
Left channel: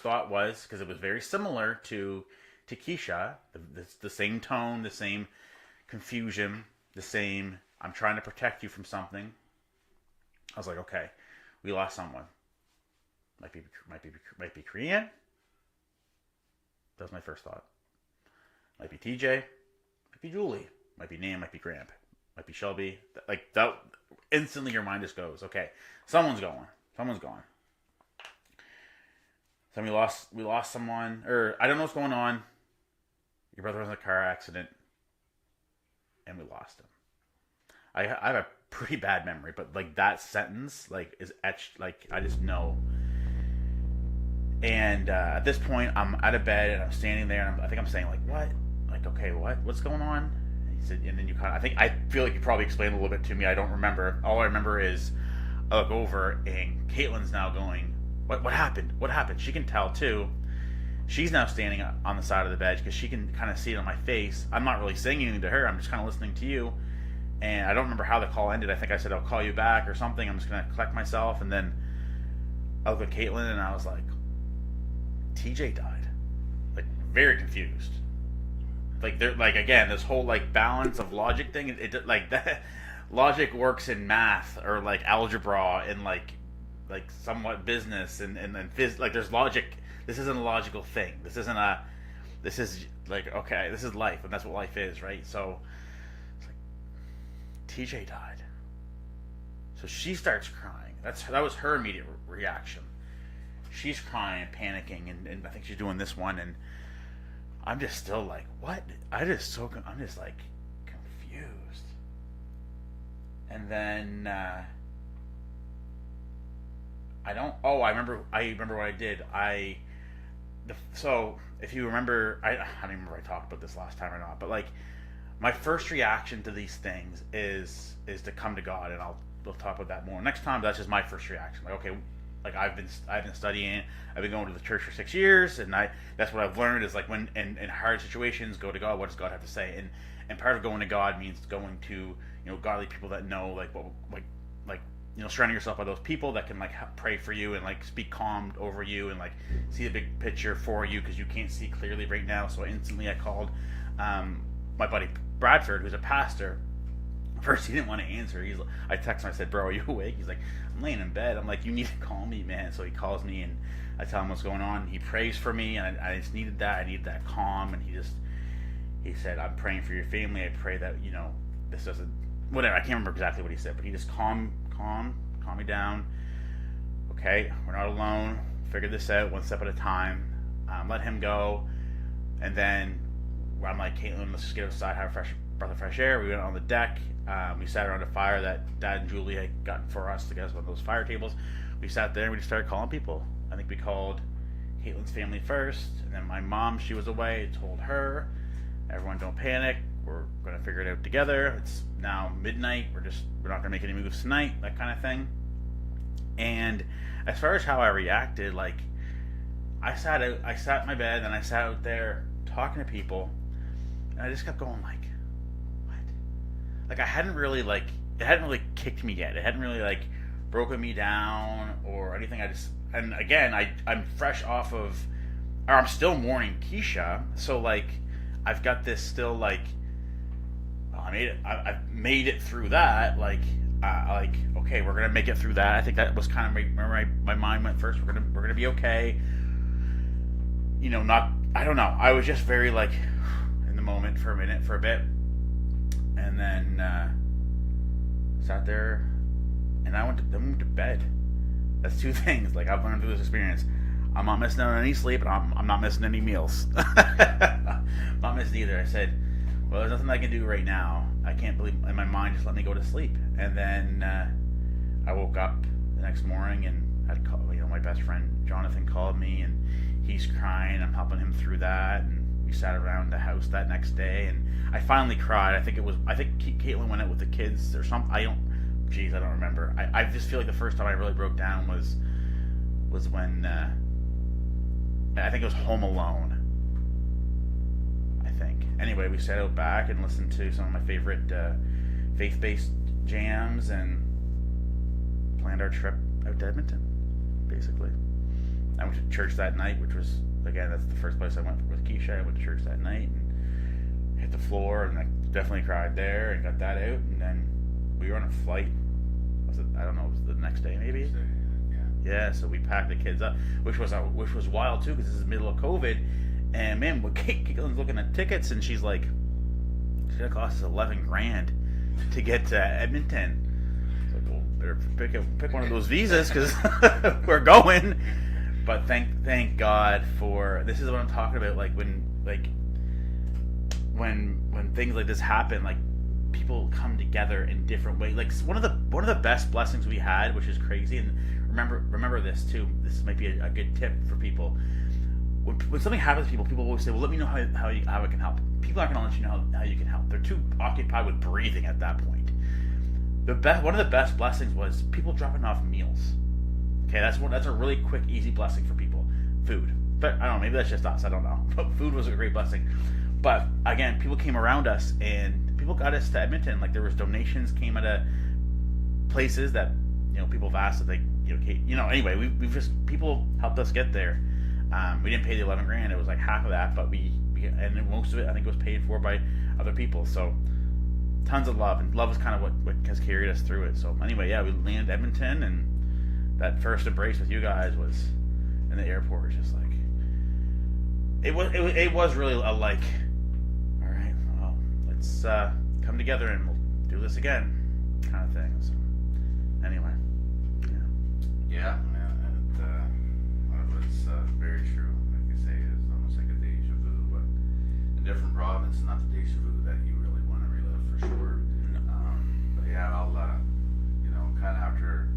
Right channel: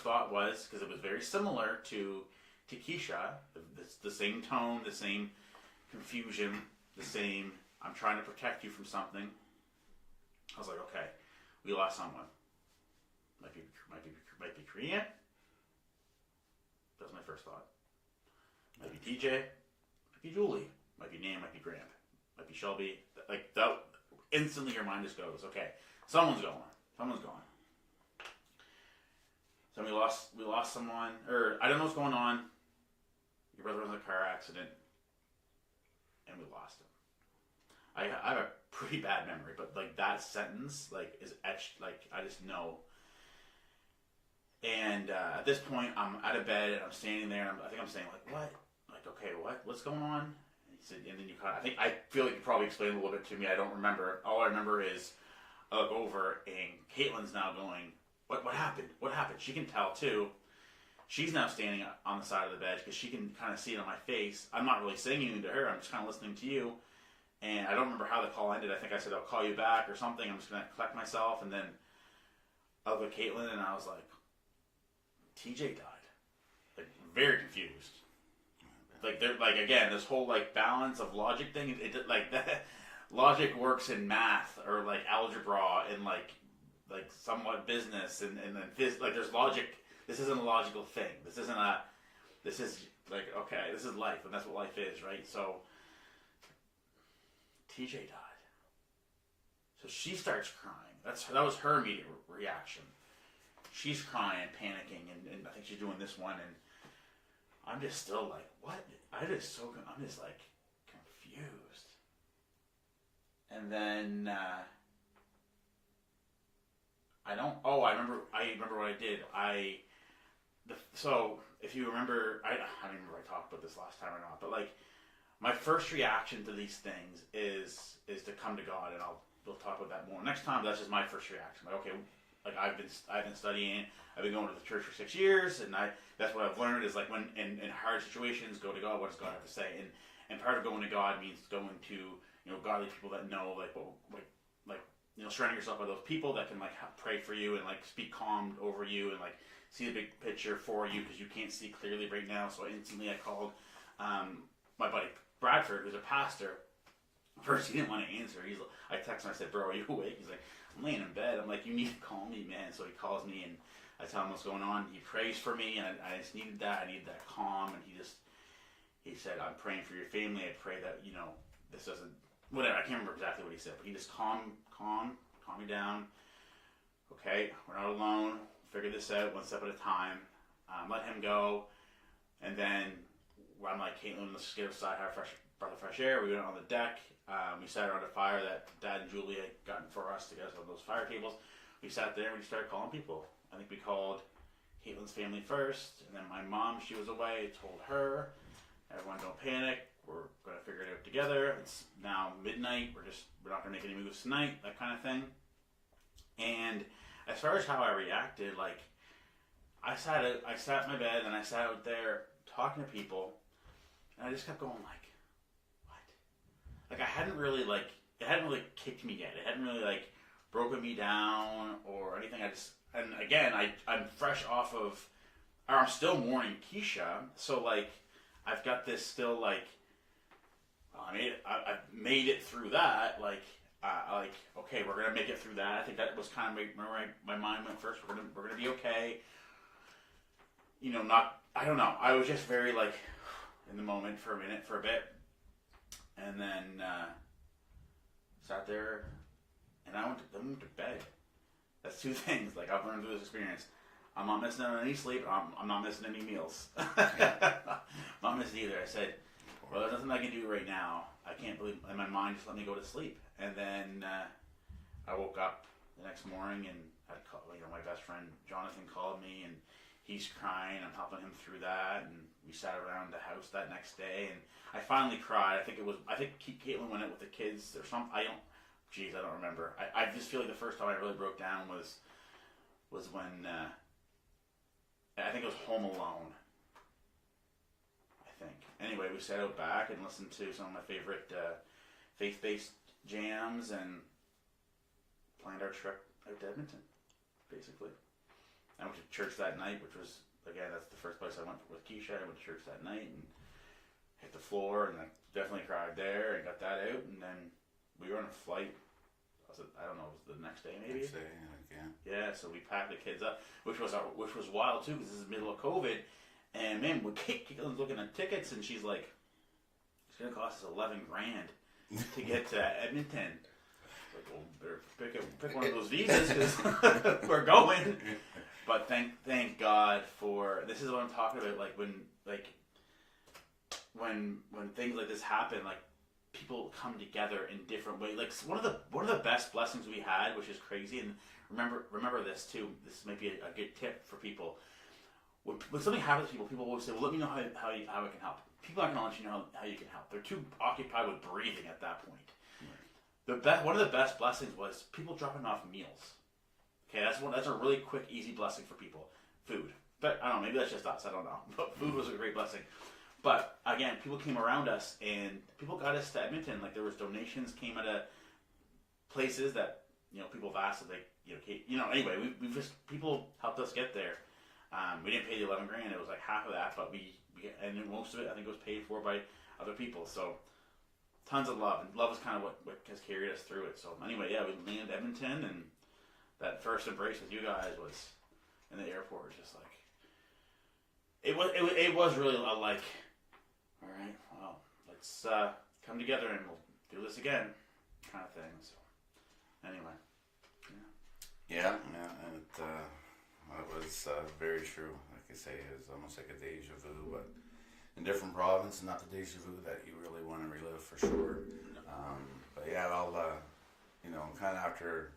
thought was, because it was very similar to Kiesha, the same tone, the same confusion, the same, I'm trying to protect you from something. I was like, okay, we lost someone. Might be Korean. That was my first thought. Might be TJ. Might be Julie. Might be Nam. Might be Gramp. Might be Shelby. Like that. Instantly, your mind just goes, okay, someone's gone. So we lost someone, or I don't know what's going on. Your brother was in a car accident, and we lost him. I have a pretty bad memory, but like that sentence like is etched. Like I just know. And at this point, I'm out of bed and I'm standing there, and I think I'm saying like, "What? Like, okay, what's going on?" And he said, and then you kind of, I feel like you probably explained a little bit to me. I don't remember. All I remember is I look over and Caitlin's now going, "What happened? What happened?" She can tell too. She's now standing on the side of the bed because she can kind of see it on my face. I'm not really saying anything to her. I'm just kind of listening to you. And I don't remember how the call ended. I think I said, I'll call you back or something. I'm just going to collect myself. And then I looked at Caitlin and I was like, TJ died. Like, very confused. Like, again, this whole, like, balance of logic thing, it like, that logic works in math or, like, algebra and, like somewhat business and then like, there's logic. This isn't a logical thing. This is, like, okay, this is life, and that's what life is, right? So, TJ died. So she starts crying. That was her immediate reaction. She's crying, panicking, and I think she's doing this one, and I'm just still like, what? I'm just like confused. And then I remember what I did. So if you remember, I don't remember if I talked about this last time or not, but like my first reaction to these things is to come to God, and we'll talk about that more next time. That's just my first reaction. Like, okay, like I've been studying, I've been going to the church for 6 years, and that's what I've learned is like when in hard situations, go to God. What does God have to say? And part of going to God means going to godly people that know like surrounding yourself by those people that can like pray for you and like speak calm over you and like see the big picture for you because you can't see clearly right now. So instantly I called my buddy Bradford, who's a pastor. First, he didn't want to answer. I texted him. I said, "Bro, are you awake?" He's like, "I'm laying in bed." I'm like, "You need to call me, man." So he calls me, and I tell him what's going on. He prays for me, and I just needed that. I needed that calm, and he said, "I'm praying for your family. I pray that this doesn't whatever." I can't remember exactly what he said, but he just calm me down. Okay, we're not alone. Figure this out one step at a time. Let him go, and then I'm like, "Caitlin, let's just get outside, have a breath of fresh air." We went on the deck. We sat around a fire that Dad and Julie had gotten for us to get us one of those fire tables. We sat there and we just started calling people. I think we called Caitlin's family first, and then my mom, she was away, told her, "Everyone don't panic. We're going to figure it out together. It's now midnight. We're not going to make any moves tonight," that kind of thing. And as far as how I reacted, like I sat in my bed and I sat out there talking to people, and I just kept going like, like it hadn't really kicked me yet. It hadn't really like broken me down or anything. And again, I'm fresh off of, or I'm still mourning Kiesha. So like, I've got this still like, well, I've made it through that. Like okay, we're gonna make it through that. I think that was kind of where my mind went first. We're gonna be okay. I don't know. I was just very like in the moment for a bit. And then sat there, and I went to bed. That's two things. Like I've learned through this experience, I'm not missing out on any sleep, and I'm not missing any meals. I'm not missing either. I said, well, there's nothing I can do right now. I can't believe, and my mind just let me go to sleep. And then I woke up the next morning, and I'd call, my best friend Jonathan called me, and he's crying. I'm helping him through that, and we sat around the house that next day, and I finally cried. I think Caitlin went out with the kids or something. I don't remember. I just feel like the first time I really broke down was when I think it was Home Alone. I think. Anyway, we sat out back and listened to some of my favorite faith-based jams and planned our trip out to Edmonton, basically. I went to church that night, which was, again, that's the first place I went with Kiesha. I went to church that night and hit the floor, and I definitely cried there and got that out. And then we were on a flight. Was it the next day maybe? Yeah, so we packed the kids up, which was wild too, because this is the middle of COVID. And man, when Caitlin's looking at tickets, and she's like, it's gonna cost us $11,000 to get to Edmonton. It's like, well, better pick one of those visas because we're going. But thank God for, this is what I'm talking about. Like when things like this happen, like people come together in different ways. Like one of the best blessings we had, which is crazy, and remember this too. This might be a good tip for people. When something happens to people always say, "Well, let me know how I can help." People aren't going to let you know how you can help. They're too occupied with breathing at that point. One of the best blessings was people dropping off meals. Okay, that's a really quick, easy blessing for people. Food, but I don't know. Maybe that's just us. I don't know. But food was a great blessing. But again, people came around us, and people got us to Edmonton. Like there was donations came out of places that people have asked if they anyway we just, people helped us get there. We didn't pay the $11,000. It was like half of that, but and most of it I think was paid for by other people. So tons of love, and love is kind of what has carried us through it. So anyway, yeah, we landed Edmonton, and that first embrace with you guys was in the airport. Just like it was really a like, all right, well, let's come together and we'll do this again, kind of thing. So anyway, yeah, and it was very true. Like I say, it's almost like a deja vu. But different province, not the deja vu that you really want to relive for sure. But yeah, I'll, kind of after,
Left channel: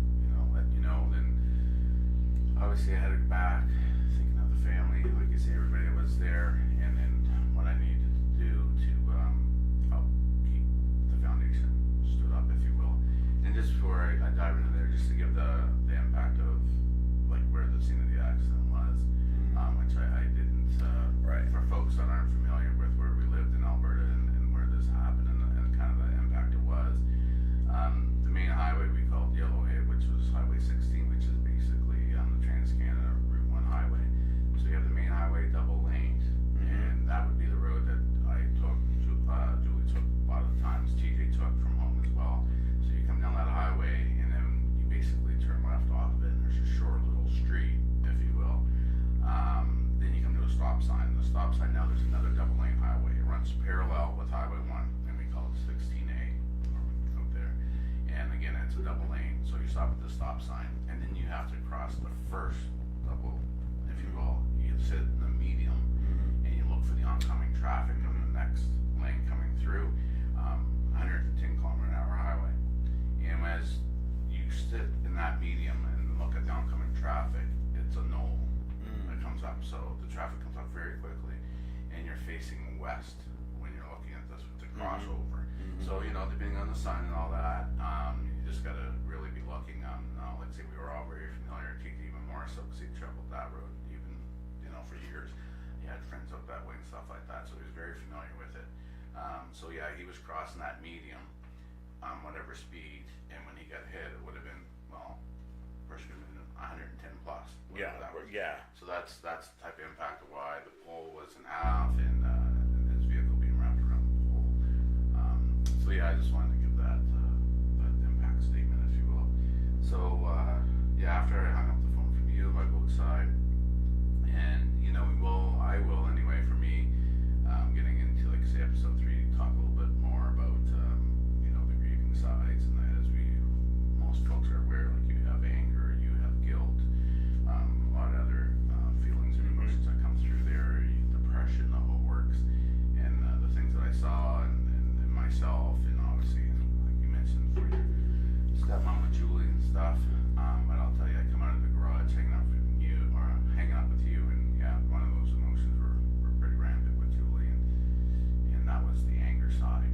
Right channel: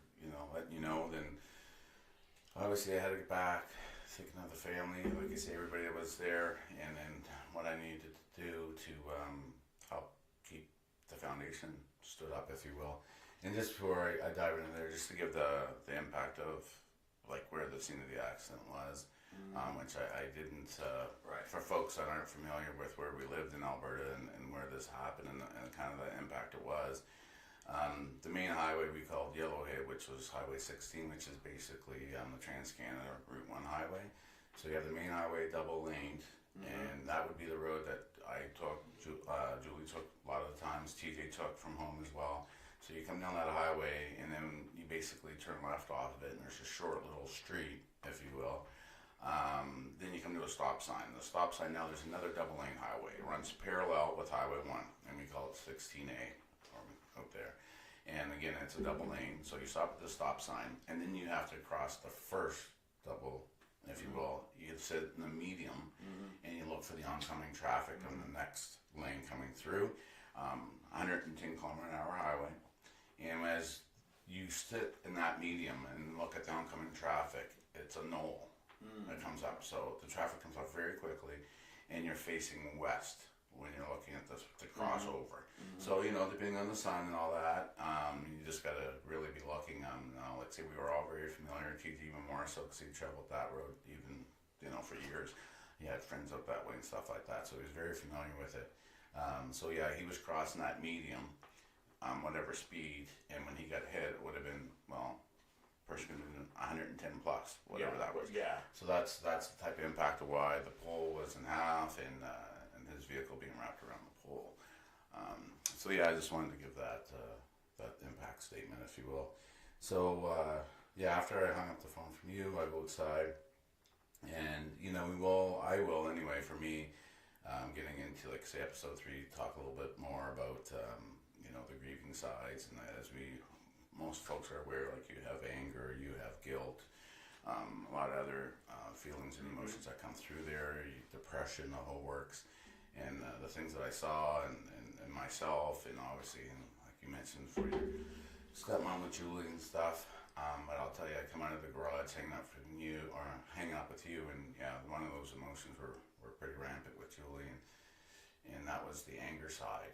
letting you know, then obviously I headed back, thinking of the family, like you say, everybody that was there, and then what I needed to do to help keep the foundation stood up, if you will. And just before I dive into there, just to give the impact of like where the scene of the accident was, which I didn't, for folks that aren't familiar with where we lived in Alberta and where this happened and kind of the impact it was. The main highway we called Yellowhead, which was Highway 16, which is basically the Trans-Canada Route 1 highway. So you have the main highway double laned, and that would be the road that I took, Julie took a lot of the times, TJ took from home as well. So you come down that highway, and then you basically turn left off of it, and there's a short little street, if you will. Then you come to a stop sign. The stop sign now, there's another double lane highway. It runs parallel with Highway 1, and we call it 16A out there. And again, it's a double lane, so you stop at the stop sign, and then you have to cross the first double, if you will. You sit in the medium, and you look for the oncoming traffic on the next lane coming through. 110 kilometer an hour highway. And as you sit in that medium and look at the oncoming traffic, it's a knoll that comes up. So the traffic comes up very quickly, and you're facing west when you're looking at the crossover. So, depending on the sun and all that, you just got to really be looking. Let's say we were all very familiar, Keith even more so, because he traveled that road even, for years. He had friends up that way and stuff like that, so he was very familiar with it. So yeah, he was crossing that medium, whatever speed, and when he got hit, it would have been, first could have been 110 plus, whatever that was. Yeah. So that's the type of impact of why the pole was in half and his vehicle being wrapped around the pole. So yeah, I just wanted to give that impact statement, if you will. So after I hung up the phone from you, I go outside, and I will anyway. For me, getting into like say episode 3, talk a little bit more about the grieving sides, and that as most folks are aware, like you have anger, you have guilt, a lot of other feelings and emotions that come through there, depression, the whole works, and the things that I saw and myself, and obviously, like you mentioned, for your stepmom with Julie and stuff. But I'll tell you, I come out of the garage hanging up with you, and yeah, one of those emotions were pretty rampant with Julie, and that was the anger side.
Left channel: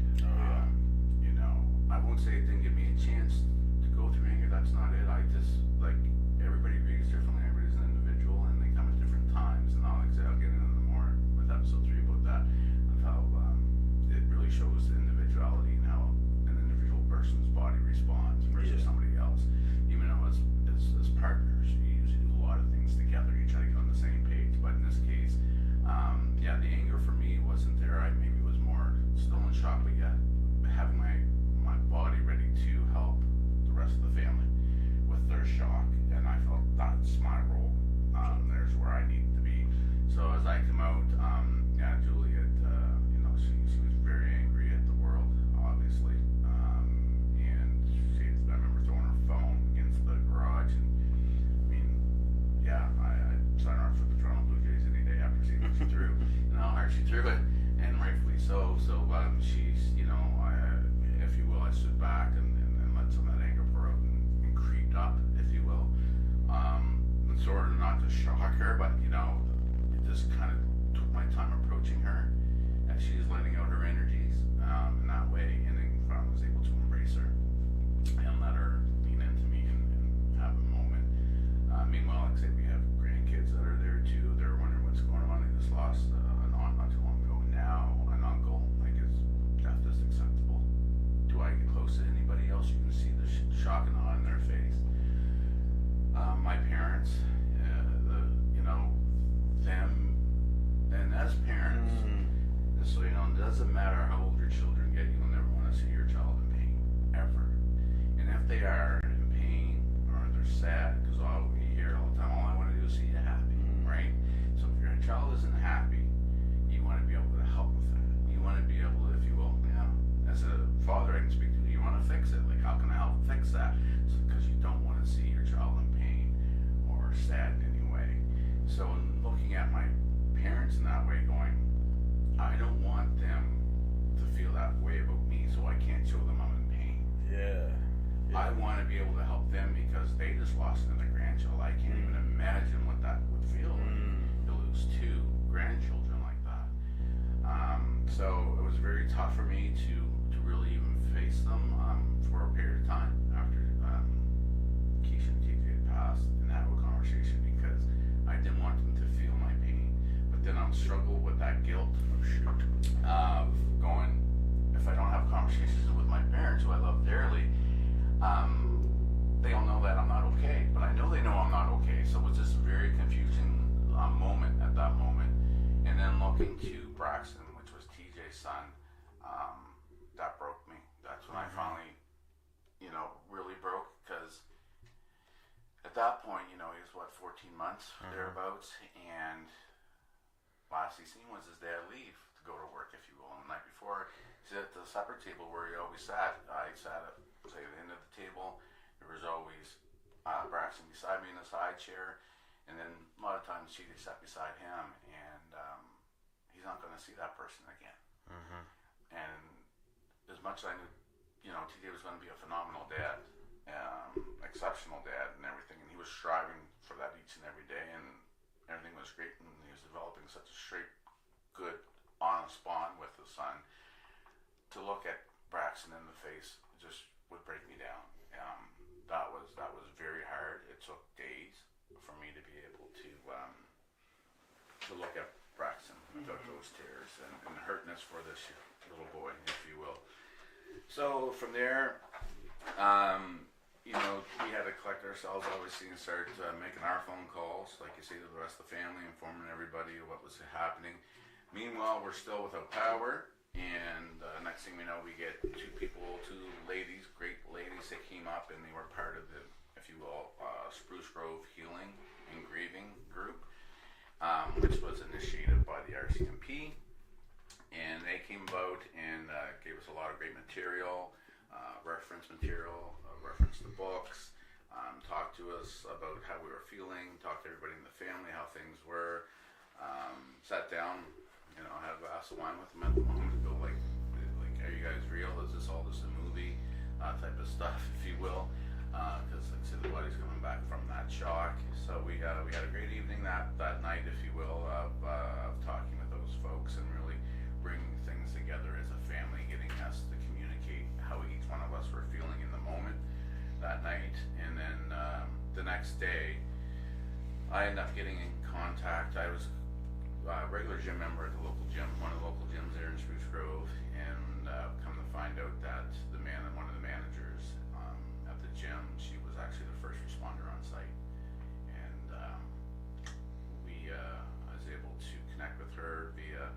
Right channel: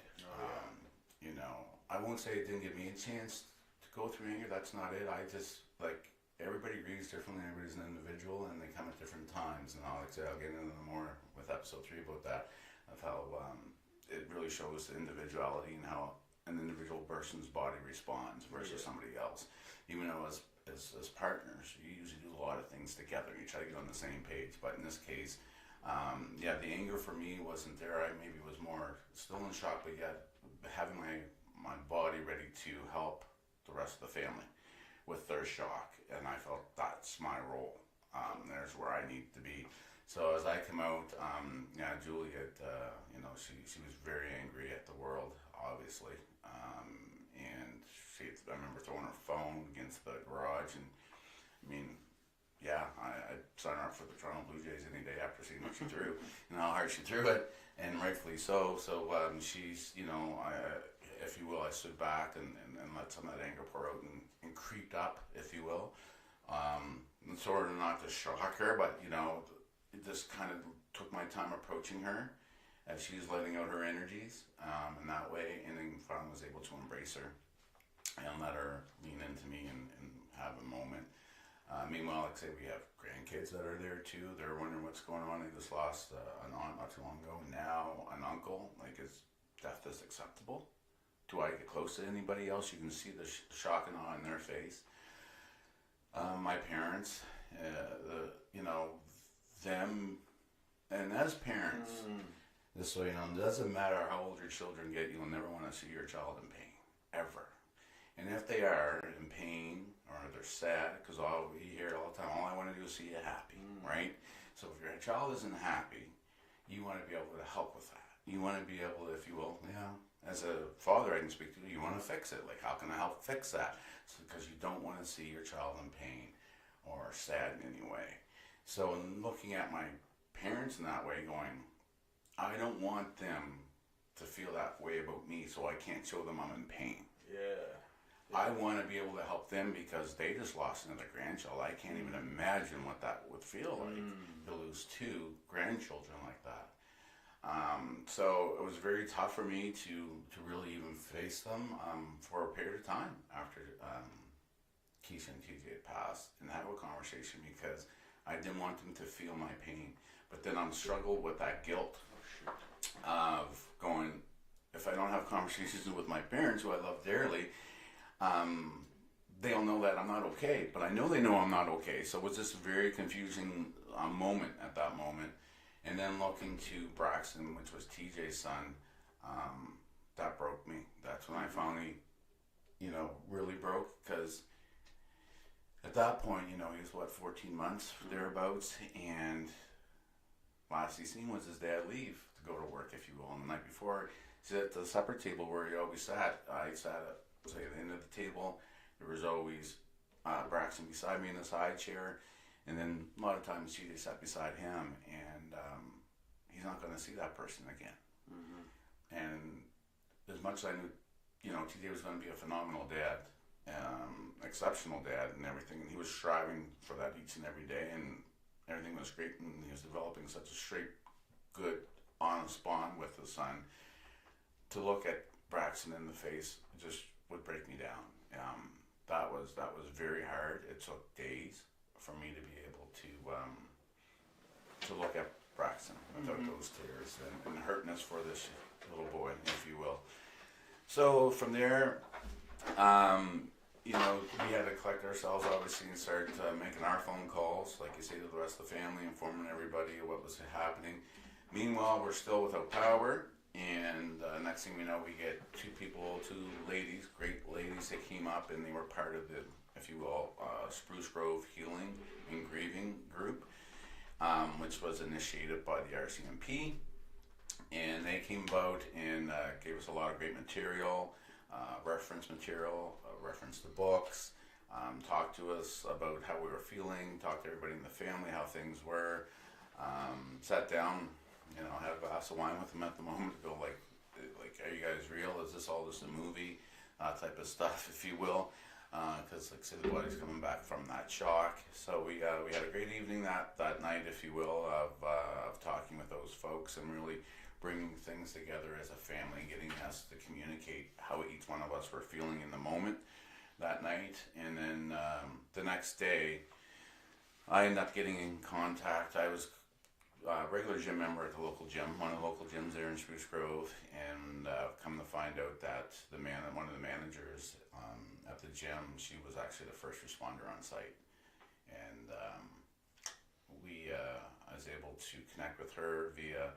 I won't say it didn't give me a chance to go through anger. That's not it. I just, like, everybody grieves differently. Everybody's an individual, and they come at different times. And I'll get into more with episode 3 about that, of how it really shows the individuality and how an individual person's body responds versus somebody else. Even though as partners, you usually do a lot of things together. You try to get on the same page. But in this case, the anger for me wasn't there. I maybe was more still in shock, but yet having my body ready to help the rest of the family with their shock, and I felt that's my role. There's where I need to be. So as I come out, Julie had, she was very angry at the world, obviously, and I remember throwing her phone against the garage, and I'd sign her up for the Toronto Blue Jays any day after seeing what she threw and how hard she threw it, and rightfully so. So she's, if you will, I stood back and let some of that anger pour out and creeped up, if you will. Sort of not to shock her, but it just kind of took my time approaching her as she's letting out her energies in that way, and then finally was able to embrace her and let her lean into me and have a moment. Meanwhile, like I say, we have grandkids that are there too. They're wondering what's going on. They just lost an aunt not too long ago. Now an uncle. Like, is death just acceptable? Do I get close to anybody else? You can see the shock and awe in their face. My parents, them, and as parents, just so you know, it doesn't matter how old your children get, you'll never want to see your child in pain, ever. And if they are in pain or they're sad, because we hear it all the time, all I want to do is see you happy, right? So if your child isn't happy, you want to be able to help with that. You want to be able to, if you will, as a father I can speak to, you want to fix it. Like, how can I help fix that? Because you don't want to see your child in pain or sad in any way. So in looking at my parents in that way, going, I don't want them to feel that way about me, so I can't show them I'm in pain. Yeah. I want to be able to help them because they just lost another grandchild. I can't even imagine what that would feel like to lose two grandchildren like that. So it was very tough for me to really even face them for a period of time after Kiesha and TJ had passed and have a conversation because I didn't want them to feel my pain. But then I'm struggled with that guilt of going, if I don't have conversations with my parents who I love dearly, they'll know that I'm not okay, but I know they know I'm not okay. So it was just a very confusing moment at that moment. And then looking to Braxton, which was TJ's son, that broke me. That's when I finally, really broke, because at that point, he was 14 months, thereabouts, and last he seen was his dad leave to go to work, if you will. And the night before, he sat at the supper table where he always sat. I sat at the end of the table. There was always Braxton beside me in the side chair, and then a lot of times TJ sat beside him, and he's not going to see that person again. And as much as I knew, TJ was going to be a phenomenal dad, exceptional dad and everything, and he was striving for that each and every day, and everything was great, and he was developing such a straight, good, honest bond with his son. To look at Braxton in the face just would break me down. That was very hard. It took days for me to be able to look at Braxton without those tears and hurtness for this little boy, if you will. So from there, we had to collect ourselves, obviously, and start making our phone calls, like you say, to the rest of the family, informing everybody of what was happening. Meanwhile, we're still without power. And next thing we know, we get two ladies, great ladies that came up, and they were part of the, if you will, Spruce Grove Healing and Grieving group, which was initiated by the RCMP. And they came about and gave us a lot of great material, reference to books, talked to us about how we were feeling, talked to everybody in the family, how things were, sat down, had a glass of wine with them at the moment, go like, are you guys real? Is this all just a movie? Type of stuff, if you will. Because, like I said, the body's coming back from that shock. So we had a great evening that night, if you will, of talking with those folks and really bringing things together as a family, getting us to communicate how each one of us were feeling in the moment that night. And then the next day, I ended up getting in contact. I was a regular gym member at the local gym, one of the local gyms there in Spruce Grove, and come to find out that one of the managers at the gym, she was actually the first responder on site, and I was able to connect with her via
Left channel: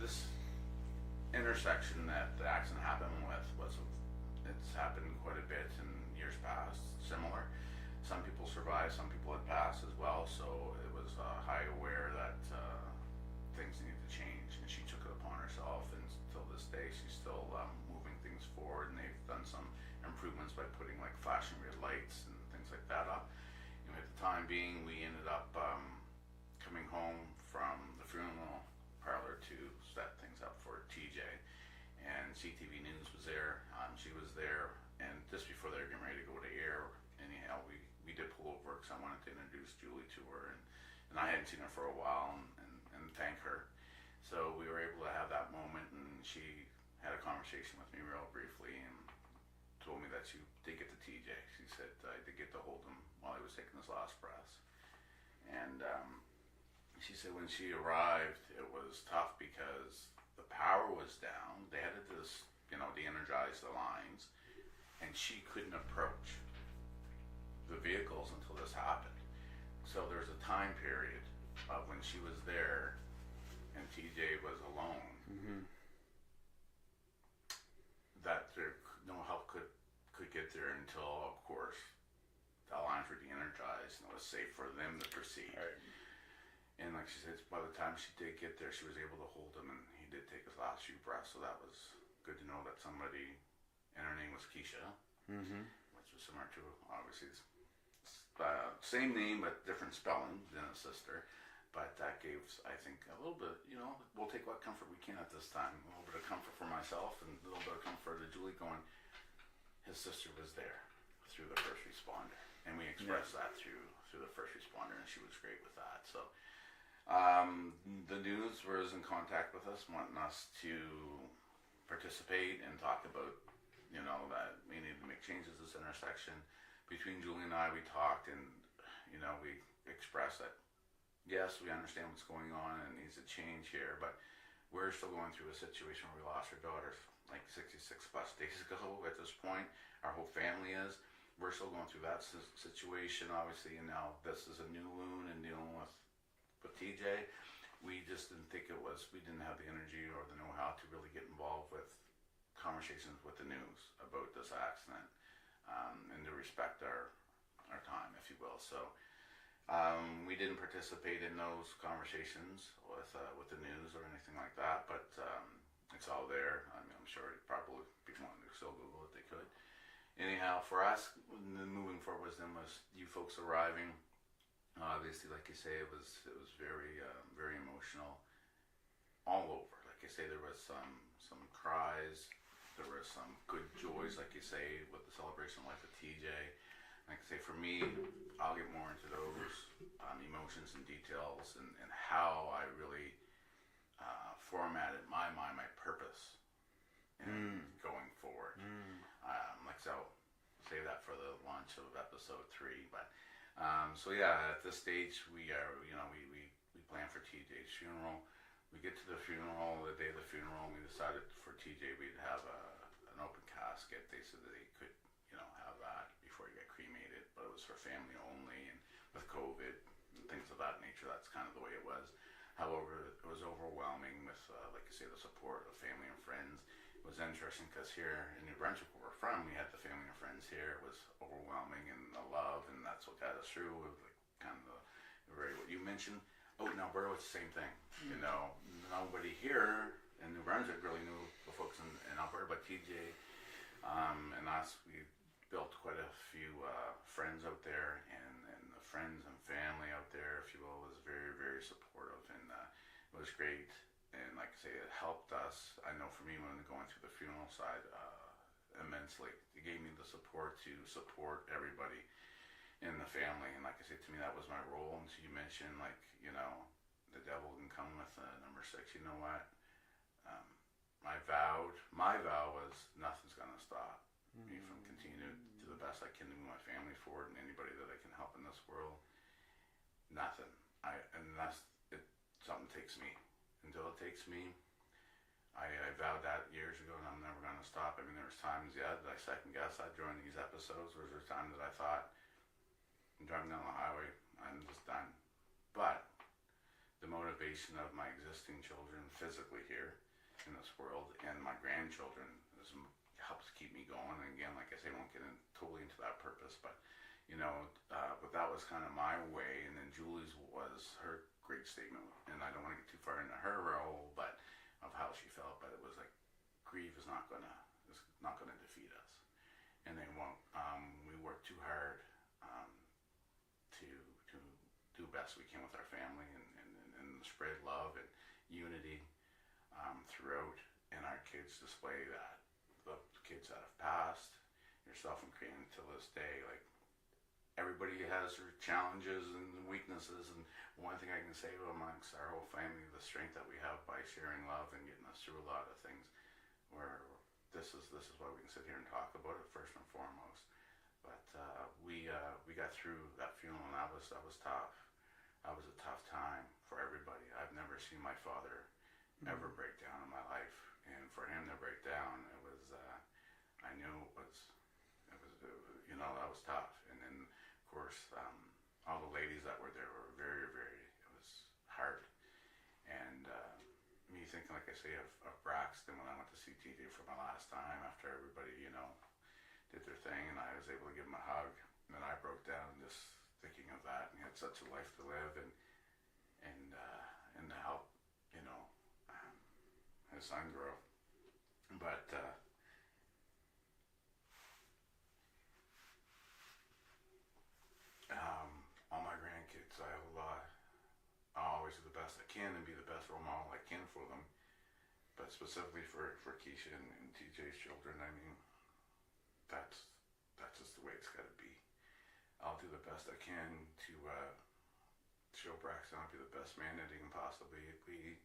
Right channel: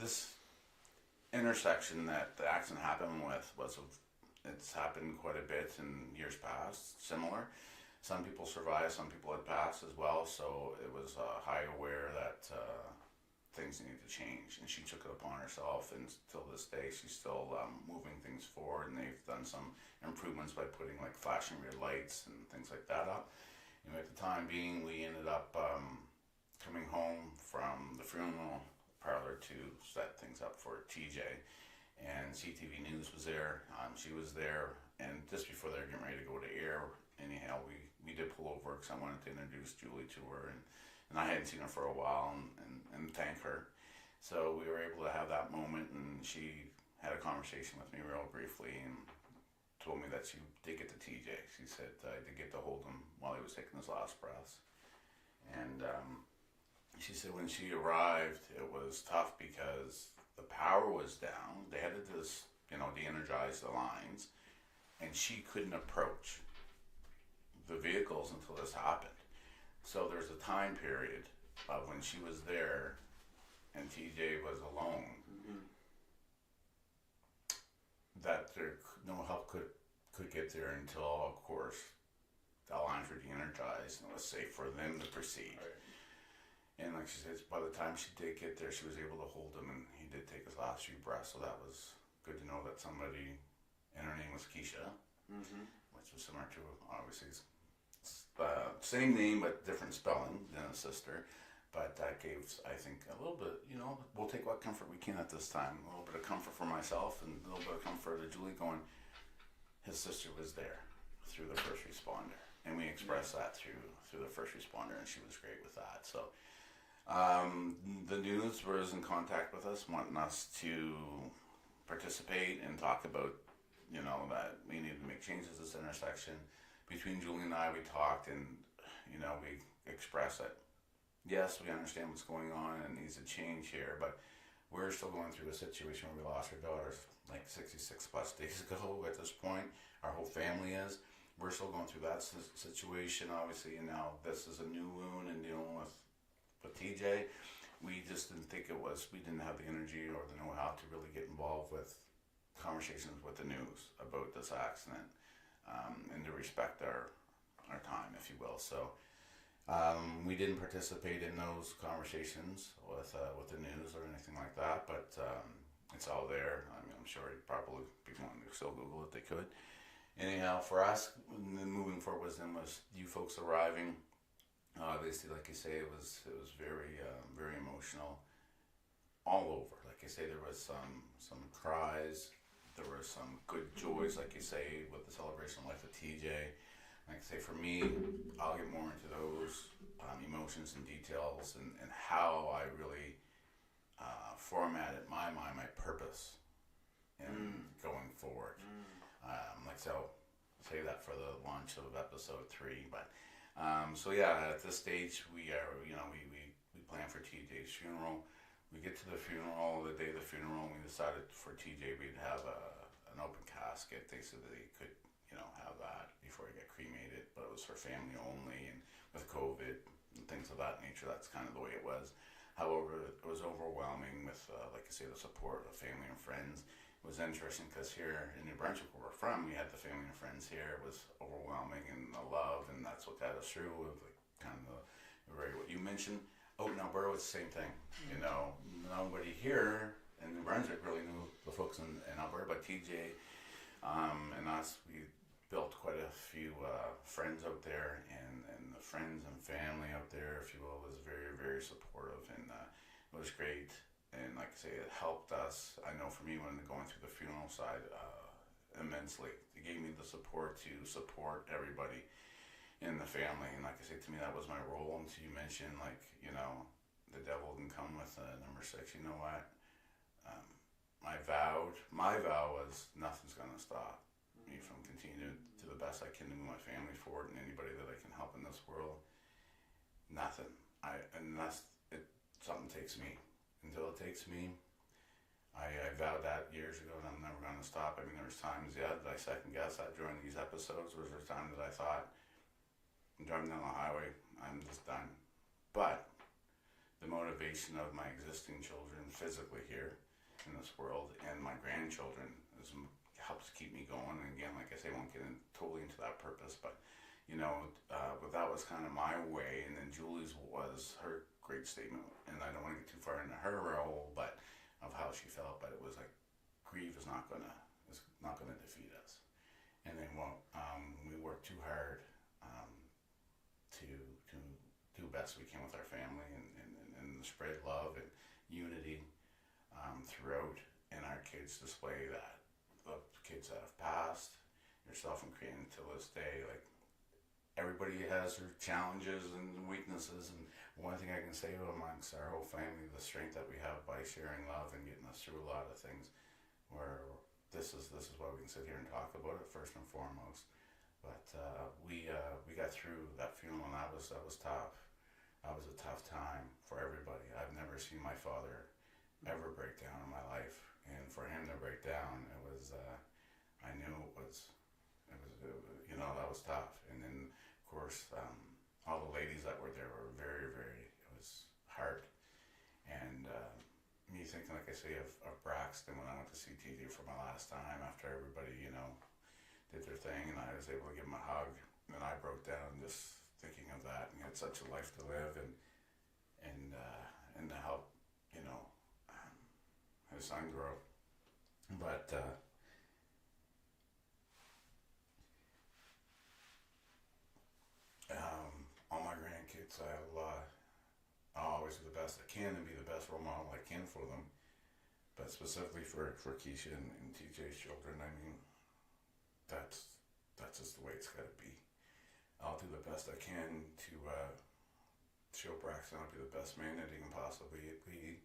this intersection that the accident happened with it's happened quite a bit in years past, similar. Some people survived, some people had passed as well, so it was high aware that things needed to change, and she took it upon herself, and till this day she's still moving things forward, and they've done some improvements by putting like flashing red lights and things like that up. And at the time being, we ended up coming home from the funeral parlor to set things up for TJ, and CTV News was there, she was there, and just before they were getting ready to go to air, anyhow, we did pull over because I wanted to introduce Julie to her, and I hadn't seen her for a while, and thank her. So we were able to have that moment, and she had a conversation with me real briefly and told me that she did get to TJ. She said I did get to hold him while he was taking his last breaths. And she said when she arrived, it was tough because the power was down. They had to just, de-energize the lines, and she couldn't approach the vehicles until this happened. So there's a time period of when she was there and TJ was alone, that no help could get there until, of course, the lines were de-energized and it was safe for them to proceed. Right. And like she says, by the time she did get there, she was able to hold him, and he did take his last few breaths. So that was good to know that somebody, and her name was Kiesha, which was similar to, obviously, same name but different spelling than a sister. But that gave, I think, a little bit, we'll take what comfort we can at this time. A little bit of comfort for myself and a little bit of comfort to Julie going, his sister was there through the first responder. And we expressed that through the first responder, and she was great with that. So the news was in contact with us, wanting us to participate and talk about, that we needed to make changes at this intersection. Between Julie and I, we talked, and, we expressed that, yes, we understand what's going on and it needs a change here, but we're still going through a situation where we lost our daughters like 66 plus days ago at this point. Our whole family is. We're still going through that situation, obviously, and now this is a new wound and dealing with TJ. We just didn't think we didn't have the energy or the know-how to really get involved with conversations with the news about this accident, and to respect our time, if you will. So we didn't participate in those conversations with the news or anything like that, but it's all there. I mean, I'm sure probably people want to still Google it, they could. Anyhow, for us, moving forward was you folks arriving. Obviously, like you say, it was very very emotional all over. Like you say, there was some cries, there were some good joys, like you say, with the celebration of life of TJ. Like I say, for me, I'll get more into those emotions and details and how I really formatted my mind, my purpose in going forward. So save that for the launch of episode 3. But so yeah, at this stage we are, we plan for TJ's funeral. We get to the funeral, the day of the funeral, and we decided for TJ we'd have an open casket. They said that he could, have that before he got cremated, but it was for family only, and with COVID and things of that nature, that's kind of the way it was. However, it was overwhelming with, like I say, the support of family and friends. It was interesting because here in New Brunswick, where we're from, we had the family and friends here. It was overwhelming, and the love, and that's what got us through. It was like kind of what you mentioned. Oh, in Alberta, it's the same thing. Nobody here in New Brunswick really knew the folks in Alberta, but TJ and us, we built quite a few friends out there, and the friends and family out there, if you will, was very, very supportive, and it was great. And like I say, it helped us. I know for me, when going through the funeral side, immensely. It gave me the support to support everybody in the family. And like I say, to me, that was my role. And so you mentioned, the devil can come with number 6. You know what? My vow was nothing's going to stop me from continuing to do the best I can to move my family forward and anybody that I can help in this world. Nothing. Something takes me. Until it takes me, I vowed that years ago, and I'm never going to stop. I mean, there was times, that I second guess that during these episodes. Was there time that I thought, I'm driving down the highway, I'm just done. But the motivation of my existing children physically here in this world and my grandchildren helps keep me going. And again, like I say, I won't get totally into that purpose, but but that was kind of my way. And then Julie's was her great statement, and I don't want to get too far into her role, but of how she felt. But it was like, grief is not gonna defeat us, and they won't. We work too hard to do the best we can with our family and spread love and unity throughout. And our kids display that. The kids that have passed, yourself and Crane to this day, like. Everybody has their challenges and weaknesses, and one thing I can say amongst our whole family, the strength that we have by sharing love and getting us through a lot of things, where this is why we can sit here and talk about it first and foremost. But we got through that funeral, and that was tough. That was a tough time for everybody. I've never seen my father ever break down in my life, and for him to break down, it was I knew it was that was tough. And then of course all the ladies that were there were very, very, it was hard. And me thinking, like I say, of Braxton when I went to see TJ for my last time after everybody did their thing, and I was able to give him a hug, and then I broke down just thinking of that, and he had such a life to live, and to help his son grow. But all my grandkids, I have a lot. Oh, can and be the best role model I can for them. But specifically for Kiesha and TJ's children, I mean, that's just the way it's got to be. I'll do the best I can to show Braxton I'll be the best man that he can possibly be.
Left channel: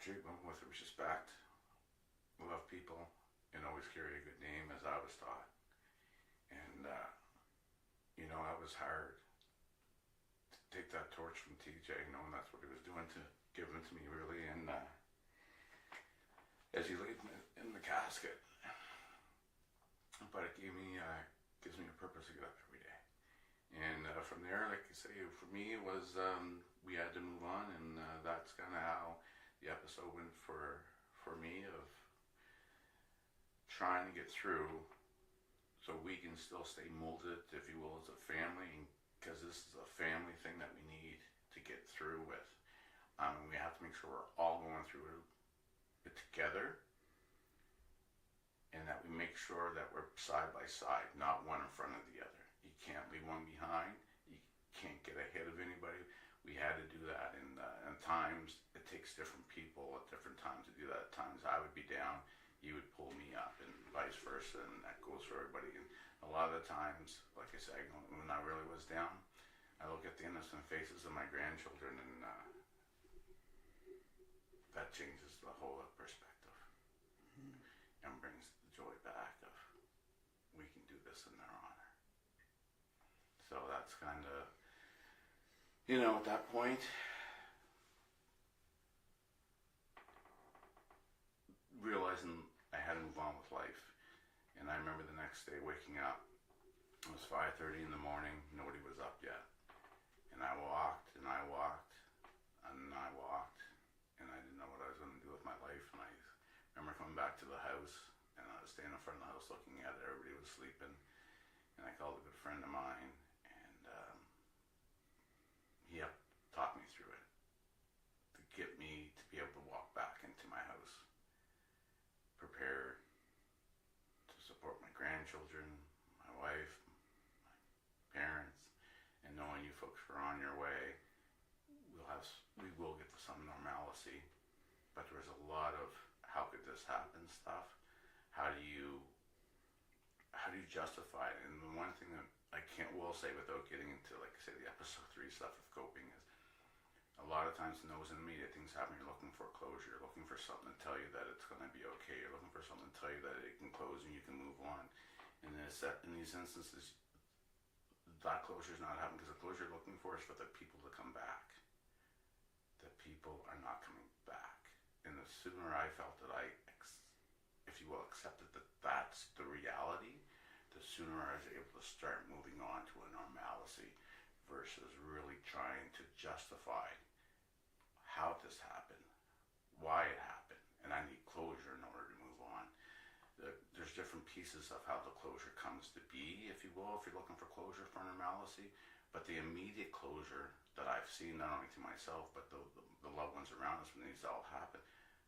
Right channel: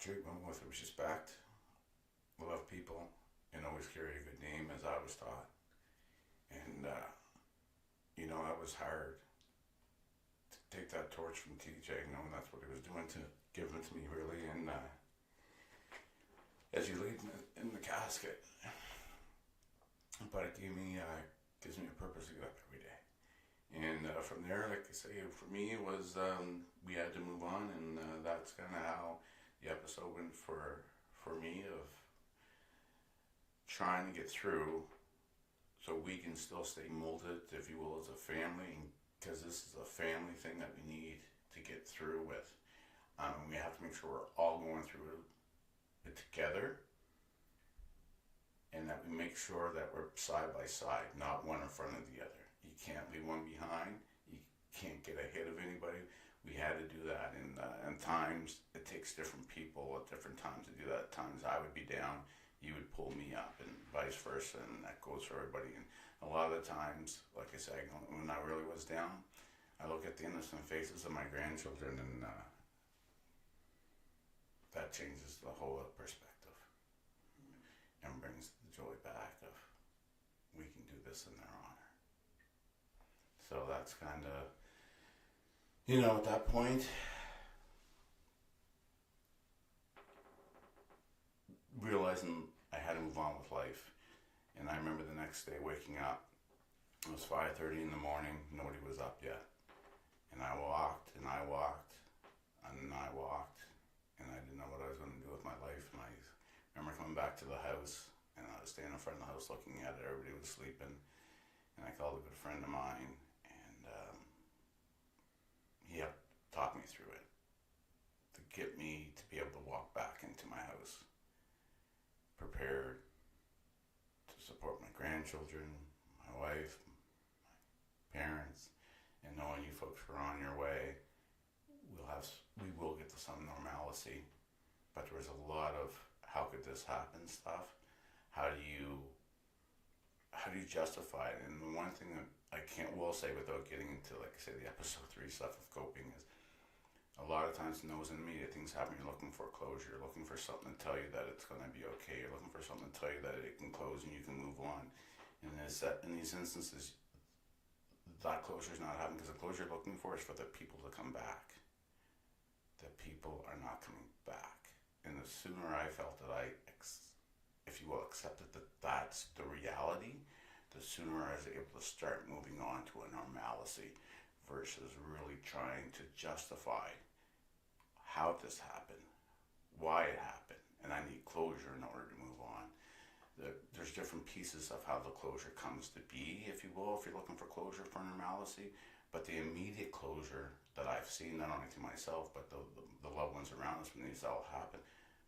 Treat them with respect, love people, and always carry a good name, as I was taught. And that was hard to take that torch from TJ, knowing that's what he was doing to give it to me, really. And as you laid in the casket, but it gives me a purpose to get up every day. And from there, like I say, for me, it was we had to move on, and that's kind of how the episode went for me, of trying to get through so we can still stay molded, if you will, as a family, because this is a family thing that we need to get through with. We have to make sure we're all going through it together, and that we make sure that we're side by side, not one in front of the other. You can't leave one behind. You can't get ahead of anybody. We had to do that, and times it takes different people at different times to do that. At times I would be down, you would pull me up, and vice versa, and that goes for everybody. And a lot of the times, like I said, when I really was down, I look at the innocent faces of my grandchildren, and that changes the whole perspective and brings the joy back of we can do this in their honor. So that's kind of, at that point, realizing I had to move on with life. And I remember the next day waking up. It was 5:30 in the morning. Nobody was up yet. And I walked, and I walked, and I walked, and I didn't know what I was going to do with my life. And I remember coming back to the house, and I was standing in front of the house looking at it. Everybody was sleeping. And I called a good friend of mine, and he helped talk me through it to get me to be able to walk back into my house, prepared to support my grandchildren, my wife, my parents, and knowing you folks are on your way. We will get to some normalcy, but there was a lot of how could this happen stuff. How do you justify it? And the one thing that I will say without getting into, like I say, the episode 3 stuff of coping is, a lot of times in those immediate things happen, you're looking for closure, you're looking for something to tell you that it's going to be okay, you're looking for something to tell you that it can close and you can move on. And in these instances, that closure is not happening, because the closure you're looking for is for the people to come back. The people are not coming back. And the sooner I felt that if you will, accepted that that's the reality, the sooner I was able to start moving on to a normalcy, versus really trying to justify how this happened, why it happened, and I need closure in order to move on. There's different pieces of how the closure comes to be, if you will, if you're looking for closure for normalcy, but the immediate closure that I've seen, not only to myself, but the loved ones around us when these all happen,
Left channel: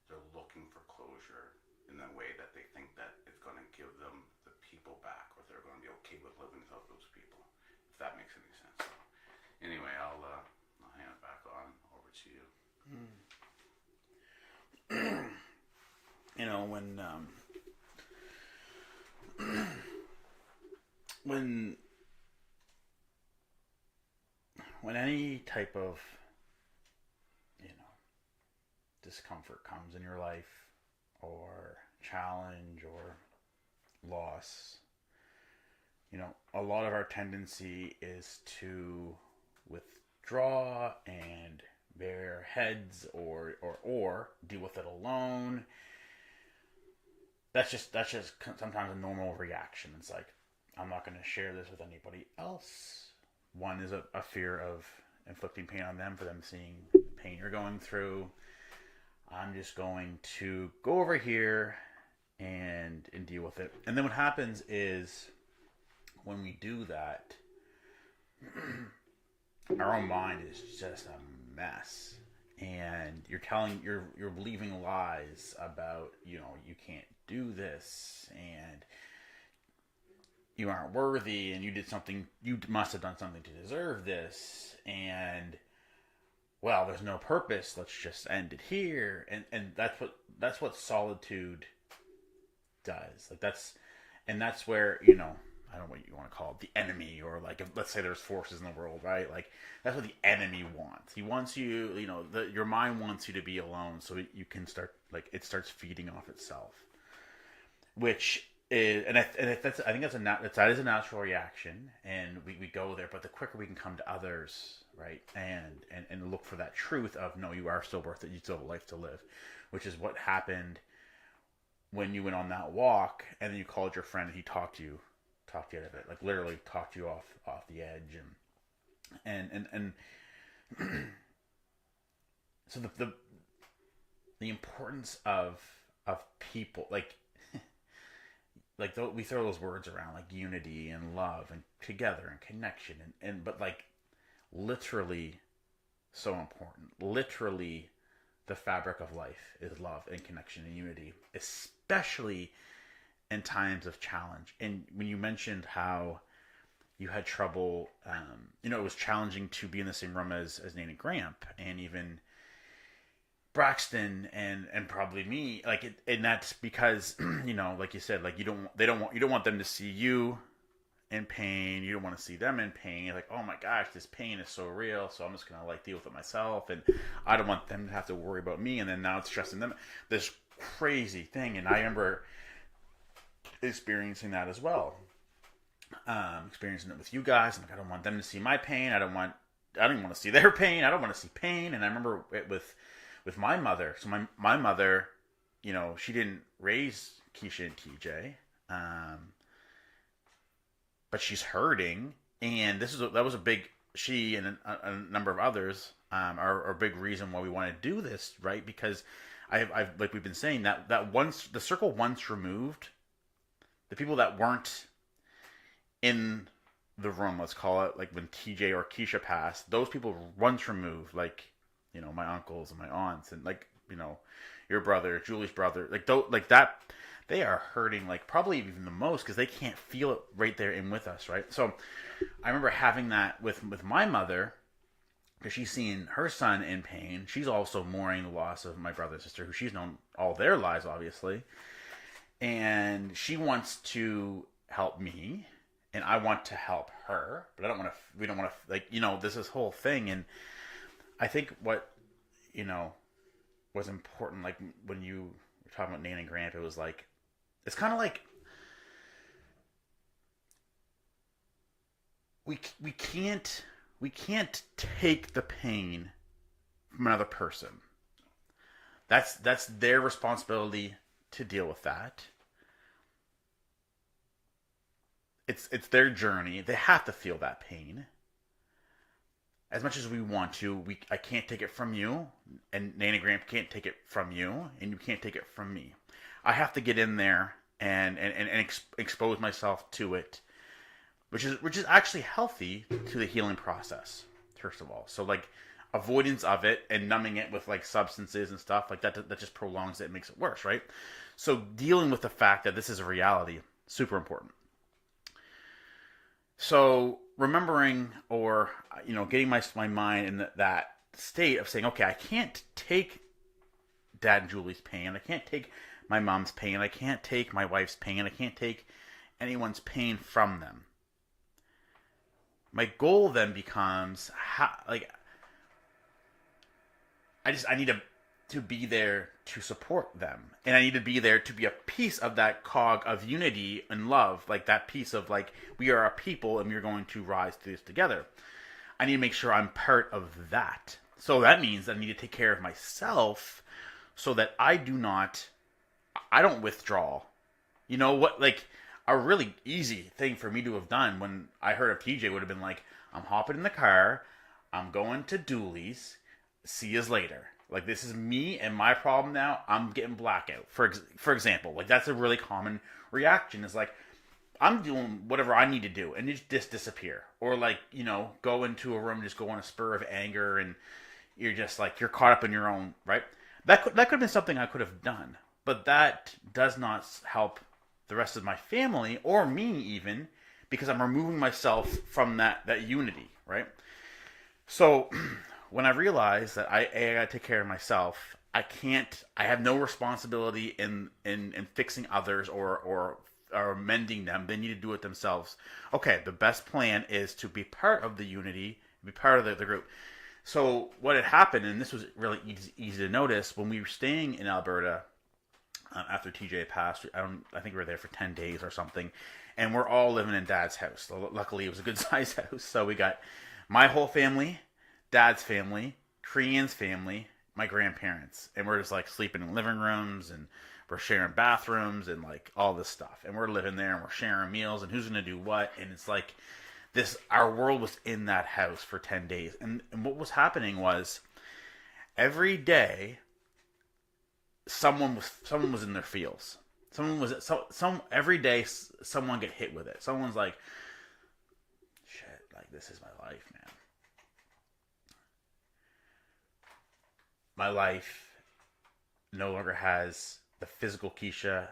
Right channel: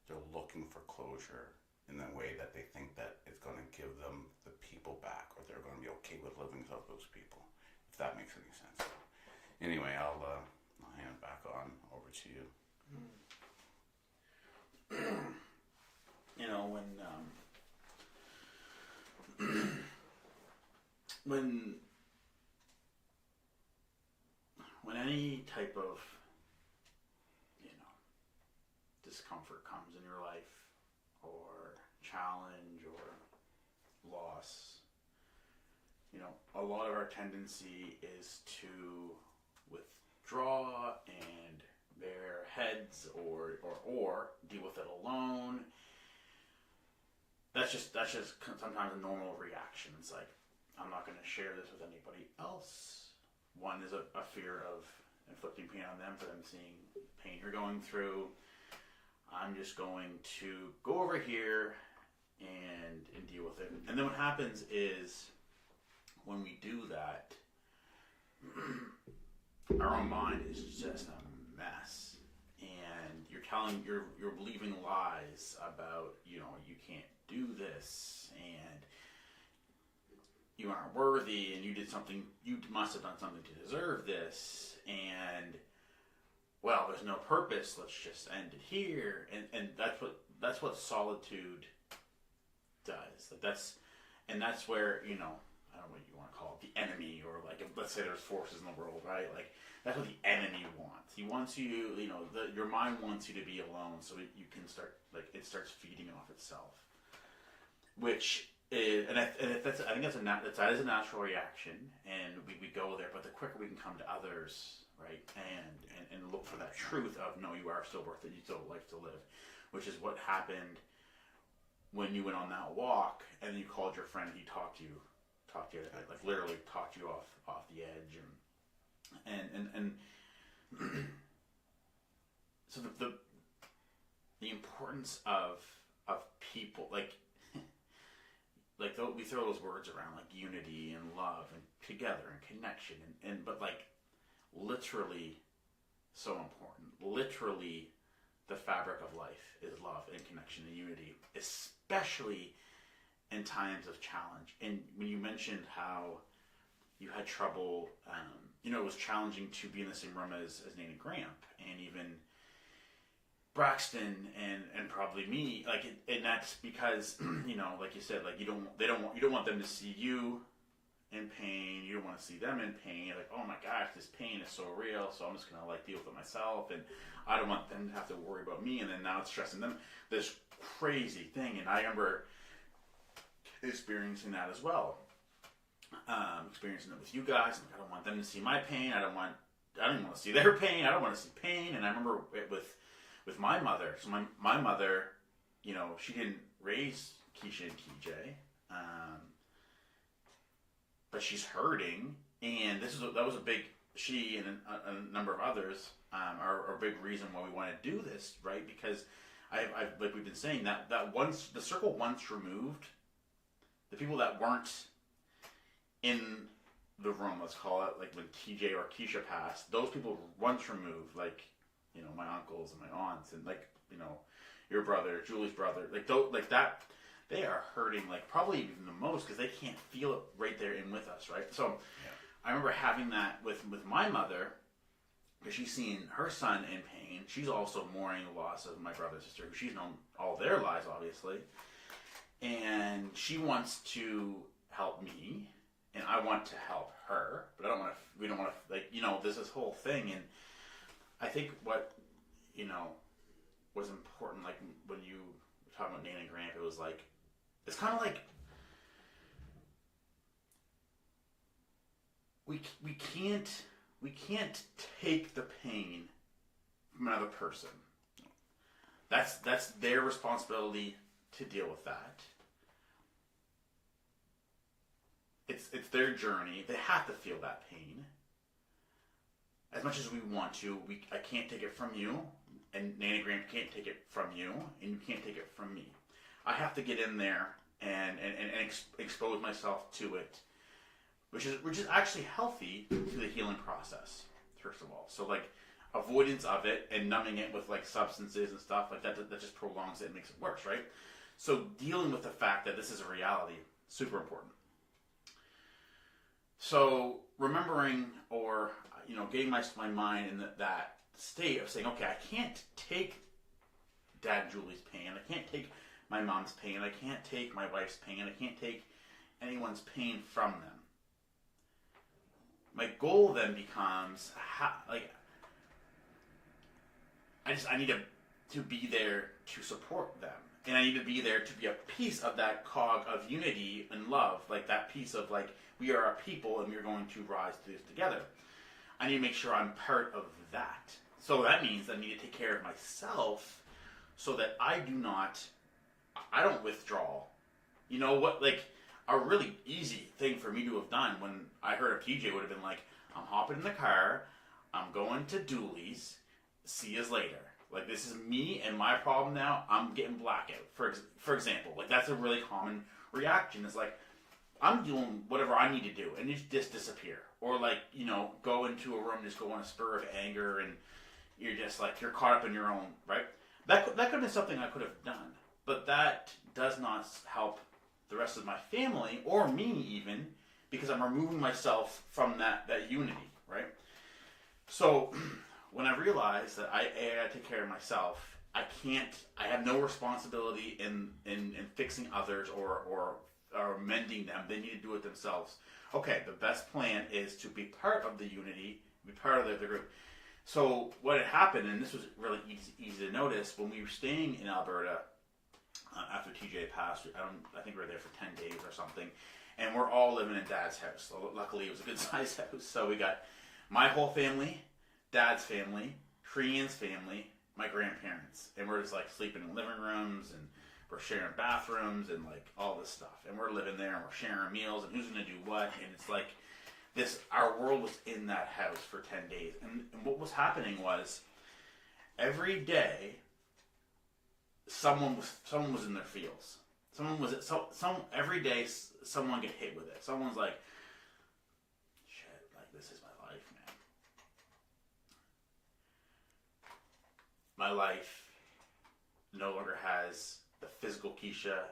they're looking for closure in that way that they think that it's going to give them the people back, or they're going to be okay with living without those people, if that makes any sense. So, anyway, I'll hand it back on over to you. When any type of discomfort comes in your life, or challenge, or loss, a lot of our tendency is to withdraw and bare heads, or deal with it alone. That's just sometimes a normal reaction. It's like, I'm not going to share this with anybody else. One is a fear of inflicting pain on them, for them seeing the pain you're going through. I'm just going to go over here and deal with it. And then what happens is, when we do that, our own mind is just a mess, and you're believing lies about, you can't do this, and you aren't worthy, and you must have done something to deserve this, and well, there's no purpose. Let's just end it here, and that's what solitude does. Like that's where I don't know what you want to call it, the enemy, or like if, let's say there's forces in the world, right? Like that's what the enemy wants. He wants you, your mind wants you to be alone, so you can start like it starts feeding off itself, which is that's I think that is a natural reaction, and we go there. But the quicker we can come to others, right, and look for that truth of no, you are still worth it. You still have a life to live, which is what happened when you went on that walk, and then you called your friend and he talked you out of it, like literally talked you off the edge, and so the importance of people, like we throw those words around like unity and love and together and connection but like literally so important. Literally, the fabric of life is love and connection and unity, especially in times of challenge. And when you mentioned how you had trouble, it was challenging to be in the same room as Nate and Gramp, and even Braxton and probably me, and that's because like you said, like you don't want them to see you in pain. You don't want to see them in pain. You're like, oh my gosh, this pain is so real, so I'm just gonna like deal with it myself, and I don't want them to have to worry about me, and then now it's stressing them. This crazy thing, and I remember experiencing that as well. Experiencing it with you guys. I'm like, I don't want them to see my pain. I don't even want to see their pain. I don't want to see pain. And I remember it with my mother. So my mother, she didn't raise Kiesha and TJ, but she's hurting, and that was a big, she and a number of others are a big reason why we want to do this, right? Because I've like we've been saying that once the circle once removed, the people that weren't in the room, let's call it, like when TJ or Kiesha passed, those people once removed, like my uncles and my aunts, and like your brother, Julie's brother, like that, they are hurting like probably even the most because they can't feel it right there in with us, right? So I remember having that with my mother, because she's seen her son in pain. She's also mourning the loss of my brother and sister, who she's known all their lives, obviously. And she wants to help me, and I want to help her, but we don't want to, there's this whole thing. And I think what, was important, like when you were talking about Nate and Gramp, it was like, it's kind of like, we can't take the pain from another person. That's their responsibility to deal with that. It's their journey. They have to feel that pain. As much as we want to, I can't take it from you, and Nate and Gramp can't take it from you, and you can't take it from me. I have to get in there and expose myself to it, which is actually healthy to the healing process, first of all. So like avoidance of it and numbing it with like substances and stuff like that just prolongs it and makes it worse, right? So dealing with the fact that this is a reality, super important. So remembering, or getting my mind in that state of saying, okay, I can't take Dad and Julie's pain, I can't take my mom's pain, I can't take my wife's pain, I can't take anyone's pain from them. My goal then becomes I need to be there to support them, and I need to be there to be a piece of that cog of unity and love, like that piece of like, we are a people and we're going to rise through this together. I need to make sure I'm part of that. So that means I need to take care of myself so that I don't withdraw. You know what, like a really easy thing for me to have done when I heard of TJ would have been like, I'm hopping in the car, I'm going to Dooley's, see yous later. Like, this is me and my problem now, I'm getting blackout. For example, like that's a really common reaction, is like, I'm doing whatever I need to do and just disappear. Or like, go into a room and just go on a spur of anger, and you're just like, you're caught up in your own, right? That could have been something I could have done, but that does not help the rest of my family or me even, because I'm removing myself from that unity, right? So when I realized that I gotta take care of myself, I have no responsibility in fixing others or mending them. They need to do it themselves. Okay, the best plan is to be part of the unity, be part of the group. So what had happened, and this was really easy to notice, when we were staying in Alberta after TJ passed, I think we were there for 10 days or something, and we're all living in Dad's house. So luckily, it was a good sized house. So we got my whole family, Dad's family, Krian's family, my grandparents, and we're just like sleeping in living rooms, and we're sharing bathrooms and like all this stuff, and we're living there and we're sharing meals and who's gonna do what, and it's like this. Our world was in that house for 10 days, and what was happening was every day someone was in their feels. Every day someone get hit with it. Someone's like, shit, like this is my life, man. My life no longer has the physical Kiesha.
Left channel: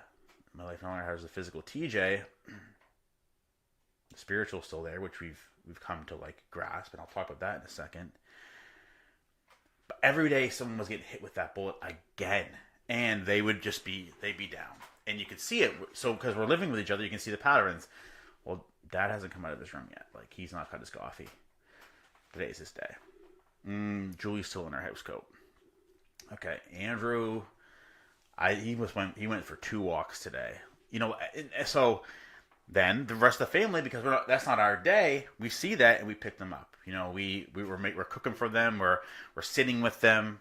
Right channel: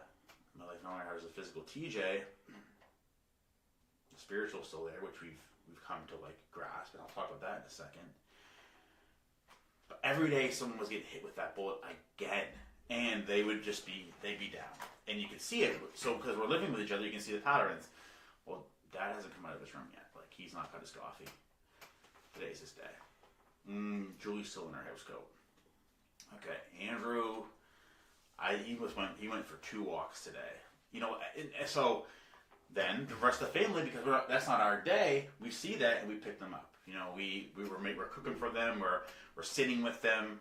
My life no longer has the physical TJ. The spiritual's still there, which we've come to like grasp, and I'll talk about that in a second. But every day someone was getting hit with that bullet again, and they'd be down, and you could see it. So because we're living with each other, you can see the patterns. Well, Dad hasn't come out of this room yet. Like, he's not cut his coffee. Today's his day. Julie's still in her house coat. Okay, Andrew, he went for 2 walks today. You know, so then the rest of the family, because that's not our day, we see that and we pick them up. You know, we're cooking for them, we're sitting with them,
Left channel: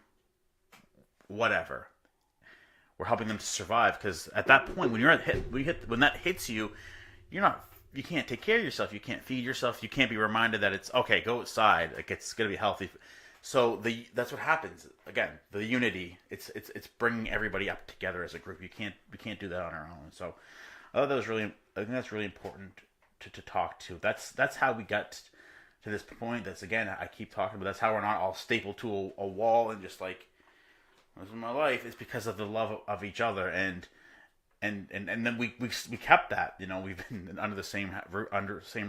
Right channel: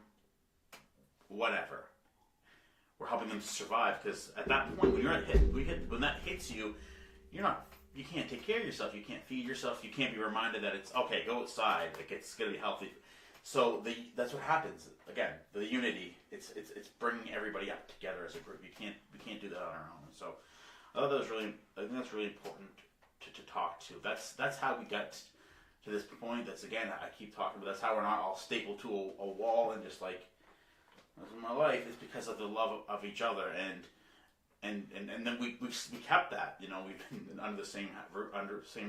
whatever. We're helping them to survive, because at that point, when when that hits you, you can't take care of yourself, you can't feed yourself, you can't be reminded that it's okay, go outside, like it's gonna be healthy. So that's what happens. Again, the unity, it's bringing everybody up together as a group. We can't do that on our own. So I think that's really important to talk to. That's how we got to this point. That's, again, I keep talking about, that's how we're not all stapled to a wall and just like, this is my life. It's because of the love of each other, and then we kept that. You know, we've been under the same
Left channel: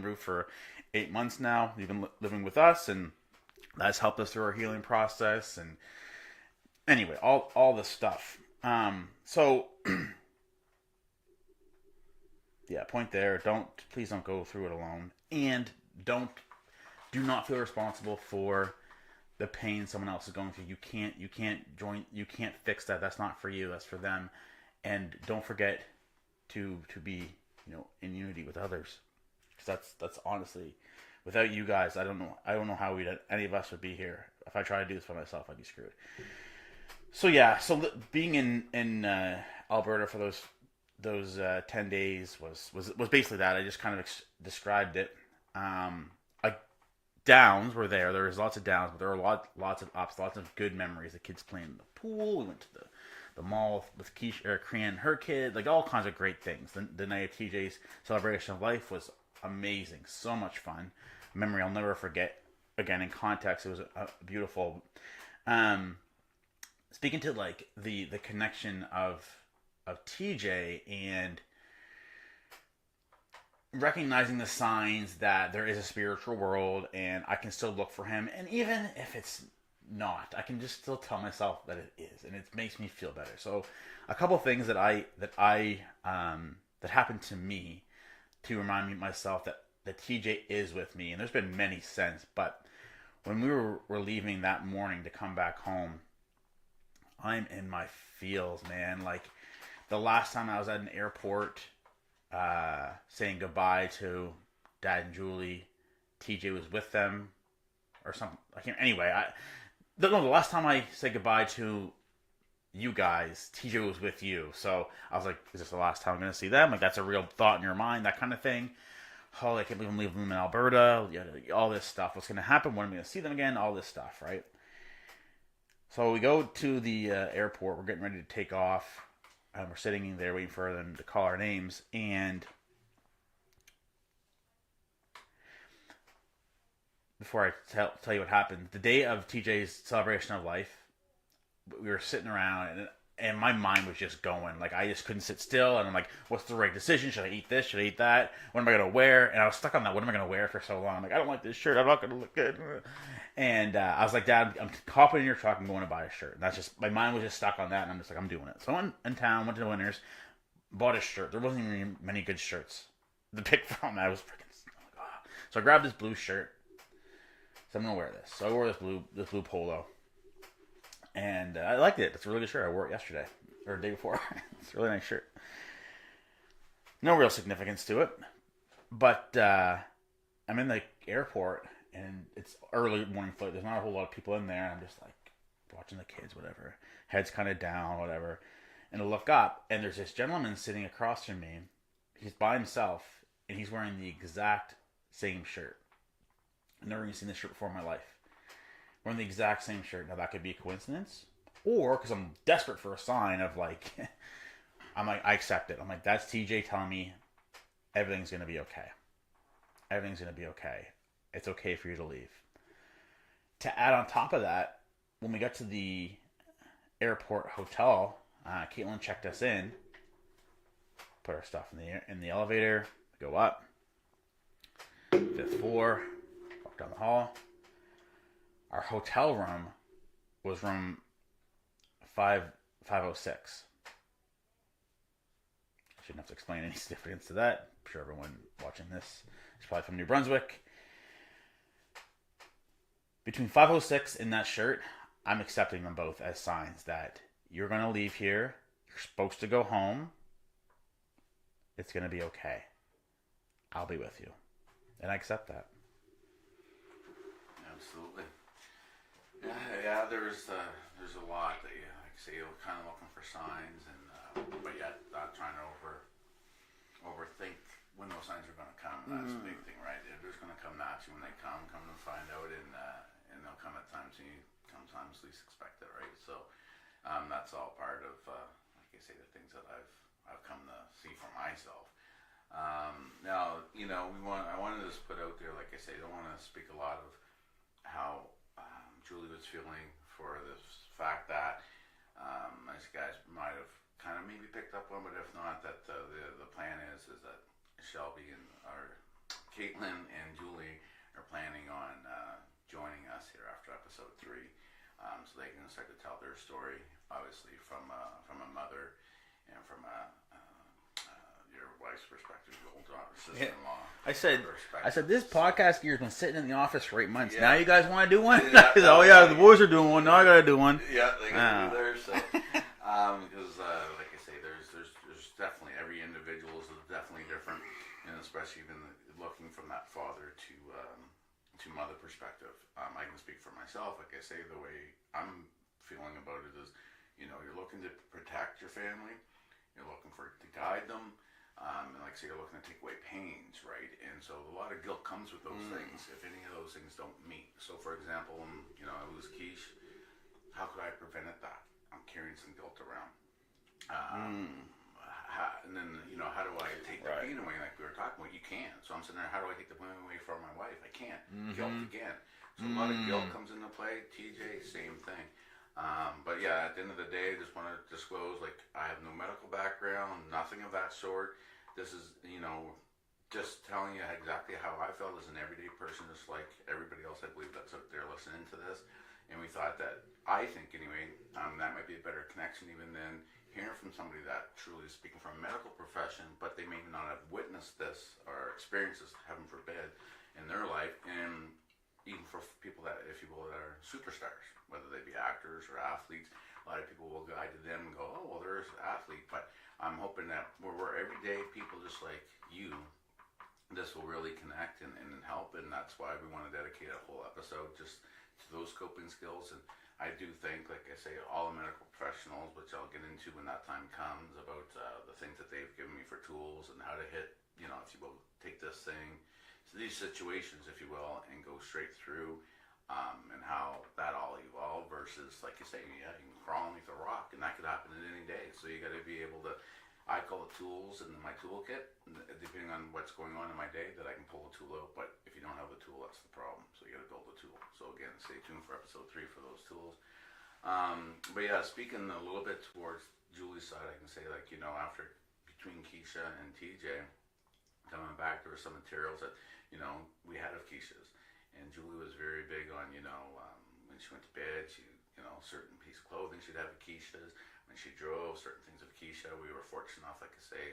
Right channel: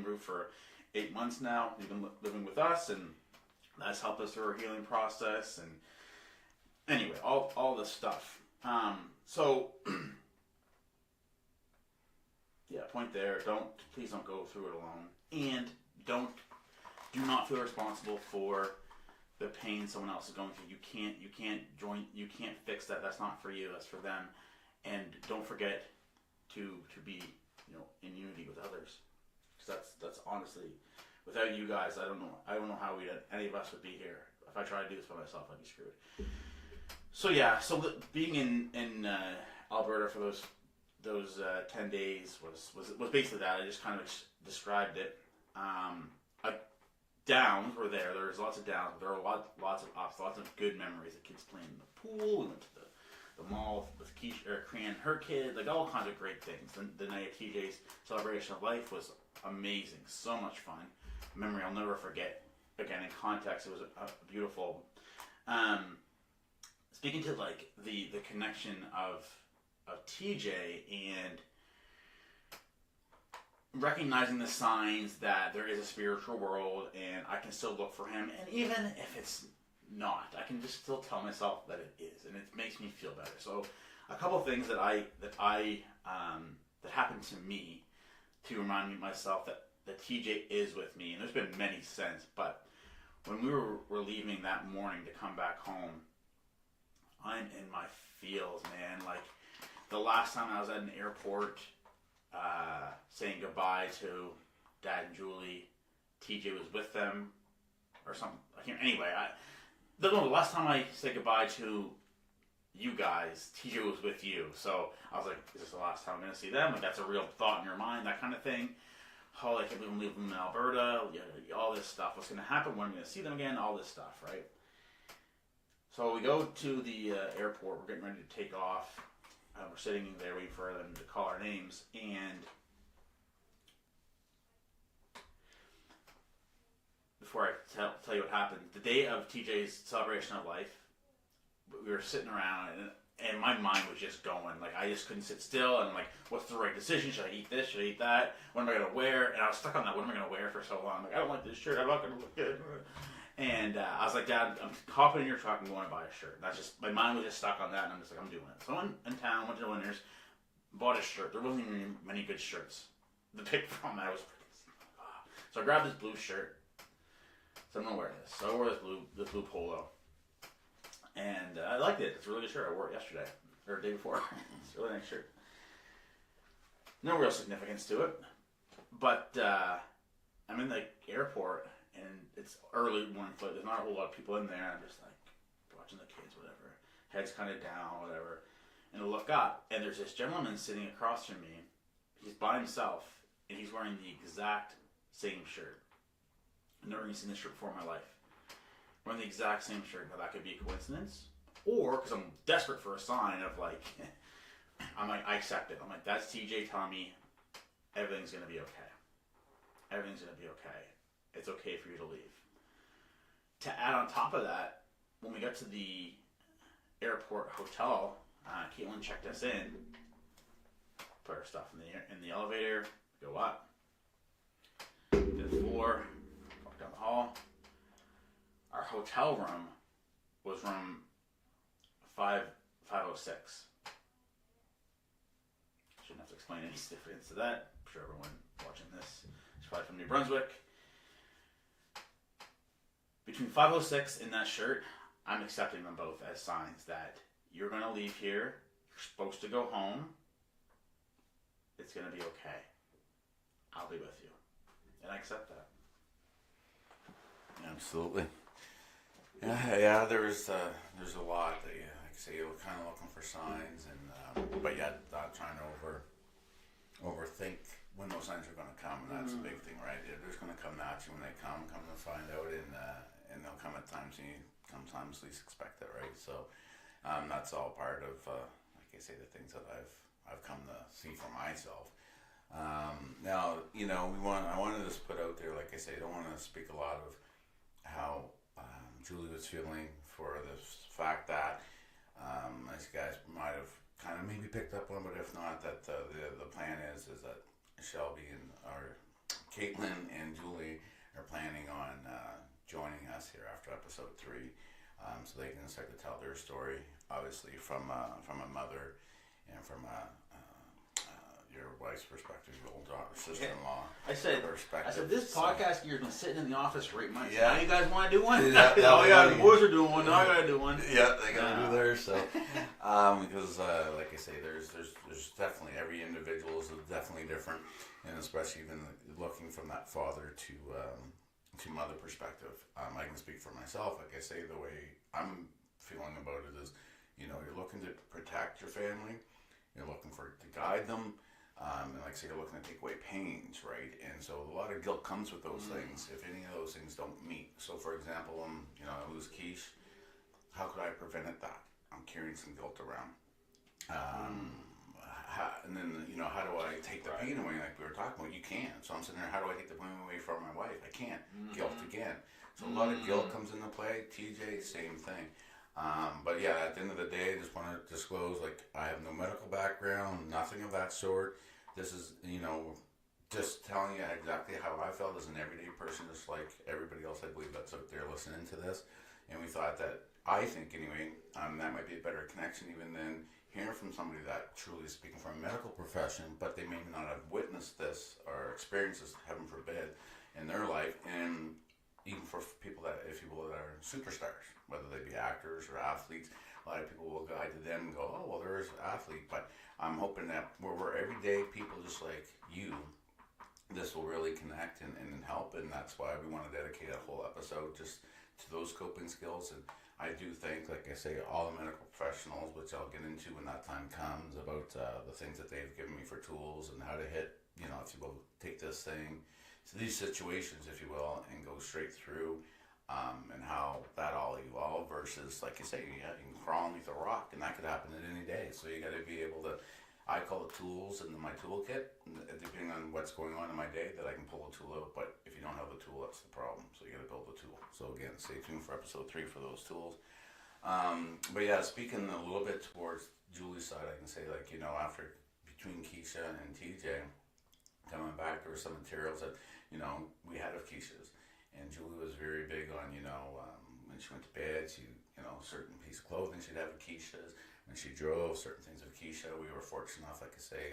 roof for 8 months now. You've been living with us, and that's helped us through our healing process. And anyway, all this stuff. So yeah, point there. Please don't go through it alone, and do not feel responsible for the pain someone else is going through. You can't fix that. That's not for you. That's for them. And don't forget to be, in unity with others. Because that's honestly, without you guys, I don't know how any of us would be here. If I tried to do this by myself, I'd be screwed. So yeah, being in Alberta for those 10 days was basically that. I just kind of described it. Downs were there. There was lots of downs, but there were lots of ups, lots of good memories. The kids playing in the pool. We went to the mall with Kiesha, Krian, her kid, like all kinds of great things. The night of TJ's celebration of life was amazing. So much fun. A memory I'll never forget. Again, in context, it was beautiful. Speaking to like the connection of TJ and recognizing the signs that there is a spiritual world and I can still look for him, and even if it's not, I can just still tell myself that it is, and it makes me feel better. So a couple things that happened to me to remind me myself that TJ is with me, and there's been many since, but when we were leaving that morning to come back home, I'm in my feels, man. Like the last time I was at an airport saying goodbye to Dad and Julie, TJ was with them or something. The last time I said goodbye to you guys, TJ was with you. So I was like, is this the last time I'm going to see them? Like, that's a real thought in your mind, that kind of thing. Oh, I can't believe I'm leaving them in Alberta. All this stuff. What's going to happen? When am I going to see them again? All this stuff, right? So we go to the airport. We're getting ready to take off. And we're sitting in there waiting for them to call our names. And before I tell you what happened, the day of TJ's celebration of life, we were sitting around, and my mind was just going. Like, I just couldn't sit still. And I'm like, what's the right decision? Should I eat this? Should I eat that? What am I going to wear? And I was stuck on that. What am I going to wear for so long? I'm like, I don't like this shirt. I'm not going to look good. And I was like, Dad, I'm hopping in your truck and going to buy a shirt. And that's just, my mind was just stuck on that. And I'm just like, I'm doing it. So I went in town, went to the Winners, bought a shirt. There wasn't even many good shirts to pick from. I was freaking, so I grabbed this blue shirt. So I'm going to wear this. So I wore this blue polo. And I liked it. It's a really good shirt. I wore it yesterday or the day before. It's a really nice shirt. No real significance to it. But I'm in the airport. And it's early morning flight. There's not a whole lot of people in there. And I'm just like watching the kids, whatever. Head's kind of down, whatever. And I look up, and there's this gentleman sitting across from me. He's by himself, and he's wearing the exact same shirt. I've never even seen this shirt before in my life. Wearing the exact same shirt. Now, that could be a coincidence. Or, because I'm desperate for a sign of like, I'm like, I accept it. I'm like, that's TJ telling me everything's going to be okay. Everything's going to be okay. It's okay for you to leave. To add on top of that, when we got to the airport hotel, Caitlin checked us in, put our stuff in the elevator, go up, 5th floor, walk down the hall. Our hotel room was room 506. Shouldn't have to explain any significance to that. I'm sure everyone watching this is probably from New Brunswick. Between 506 and that shirt, I'm accepting them both as signs that you're going to leave here. You're supposed to go home. It's going to be okay. I'll be with you. And I accept that. Absolutely. Yeah. There's a lot that, like I say, you're kind of looking for signs, and but yet not trying to overthink when those signs are going to come. And that's the big thing, right? They're just going to come naturally when they come to find out, and they'll come at times you sometimes least expect it, right? So that's all part of, like I say, the things that I've come to see for myself. Now, I wanted to just put out there, like I say, I don't want to speak a lot of how Julie was feeling for this fact that as you guys might have kind of maybe picked up on, but if not, that the plan is that Shelby or Caitlin and Julie are planning on joining us here after episode 3, so they can start to tell their story, obviously from a mother and from your wife's perspective, old daughter, sister-in-law. I said this podcast gear's been sitting in the office for 8 months. Yeah. Now you guys want to do one? Yeah, the boys are doing one. Now I got to do one. Yeah, they got to do theirs. So, because like I say, there's definitely every individual is definitely different, and especially even looking from that father to mother perspective. I can speak for myself. Like I say, the way I'm feeling about it is, you're looking to protect your family, you're looking to guide them, and like I say, you're looking to take away pains, right? And so a lot of guilt comes with those things if any of those things don't meet. So for example, I lose Kiesha, how could I have prevented that? I'm carrying some guilt around. And then, how do I take the pain away like we were talking about? You can't. So I'm sitting there, how do I take the pain away from my wife? I can't. Guilt again. So a lot of guilt comes into play. TJ, same thing. But yeah, at the end of the day, I just want to disclose, like, I have no medical background, nothing of that sort. This is, just telling you exactly how I felt as an everyday person, just like everybody else I believe that's out there listening to this. And we thought that, I think anyway, that might be a better connection even than hearing from somebody that truly is speaking from a medical profession, but they may not have witnessed this or experienced this, heaven forbid, in their life. And even for people that are superstars, whether they be actors or athletes, a lot of people will guide to them and go, oh, well, there's an athlete. But I'm hoping that we're everyday people just like you, this will really connect and help. And that's why we want to dedicate a whole episode just to those coping skills. And I do think, like I say, all the medical professionals, which I'll get into when that time comes, about the things that they've given me for tools and how to hit, if you will, take this thing to these situations, if you will, and go straight through, and how that all evolved versus, like you say, yeah, you can crawl underneath a rock, and that could happen at any day. So you got to be able to, I call it tools in my toolkit, depending on what's going on in my day, that I can pull a tool out. But if you don't have the tool, that's the problem. So you got to build the tool. So again, stay tuned for episode 3 for those tools. But yeah, speaking a little bit towards Julie's side, I can say, like, after between Kiesha and TJ coming back, there were some materials that we had of Kiesha's, And Julie was very big on, when she went to bed, certain piece of clothing she'd have at Kiesha's. When she drove, certain things at Kiesha. We were fortunate enough, like I say,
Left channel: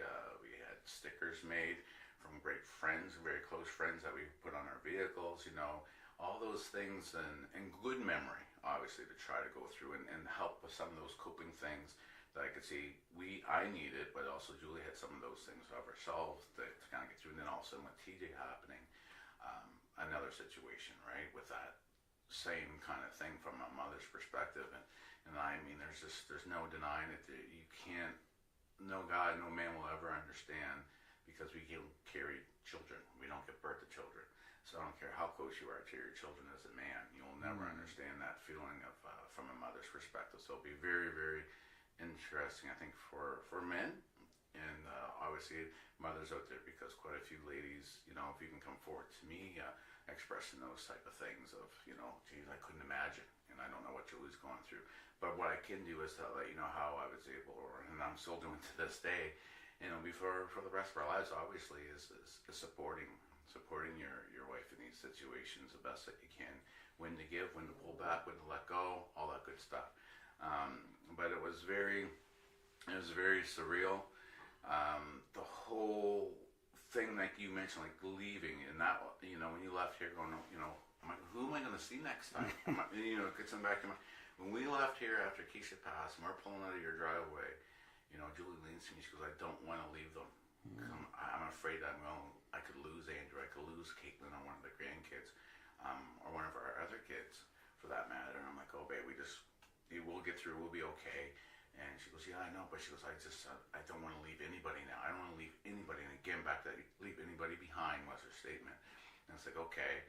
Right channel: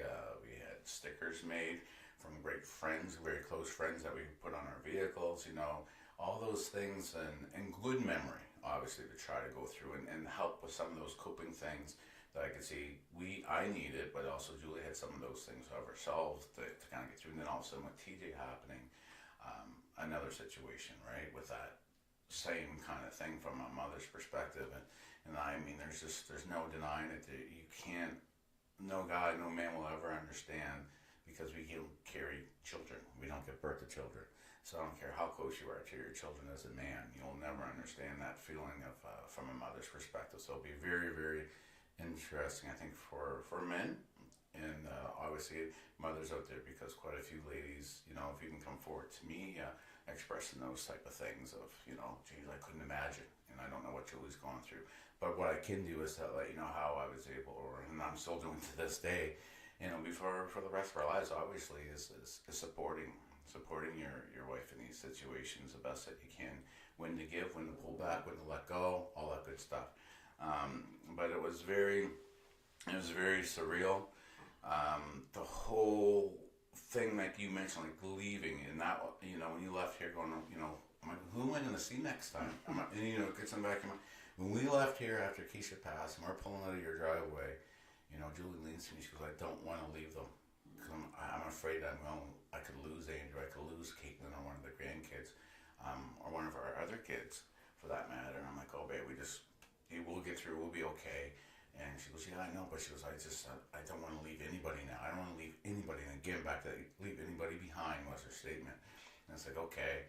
we had stickers made from great friends, very close friends that we put on our vehicles, all those things and good memory, obviously, to try to go through and help with some of those coping things that I could see I needed, but also Julie had some of those things of herself to kind of get through. And then all of a sudden with TJ happening, another situation, right, with that same kind of thing from a mother's perspective. And I mean, there's no denying it. You can't, no guy, no man will ever understand, because we don't carry children. We don't give birth to children. So I don't care how close you are to your children as a man, you'll never understand that feeling of from a mother's perspective. So it'll be very, very interesting, I think, for men, and obviously mothers out there, because quite a few ladies, if you can come forward to me expressing those type of things of, geez, I couldn't imagine, and I don't know what Julie's going through. But what I can do is to let you know how I was able, and I'm still doing to this day, before for the rest of our lives, obviously, is supporting your wife in these situations the best that you can. When to give, when to pull back, when to let go, all that good stuff. But it was very surreal. The whole thing, like you mentioned, like leaving, and that, when you left here going, I'm like, who am I going to see next time? And it gets them back in my, when we left here after Kiesha passed, and we're pulling out of your driveway, Julie leans to me, she goes, I don't want to leave them. I'm afraid I could lose Andrew, I could lose Caitlin, or one of the grandkids, or one of our other kids, for that matter. And I'm like, oh, babe, we'll get through, we'll be okay. And she goes, yeah, I know, but she goes, I don't want to leave anybody now. I don't want to leave anybody. And again, back to leave anybody behind was her statement. And it's like, okay,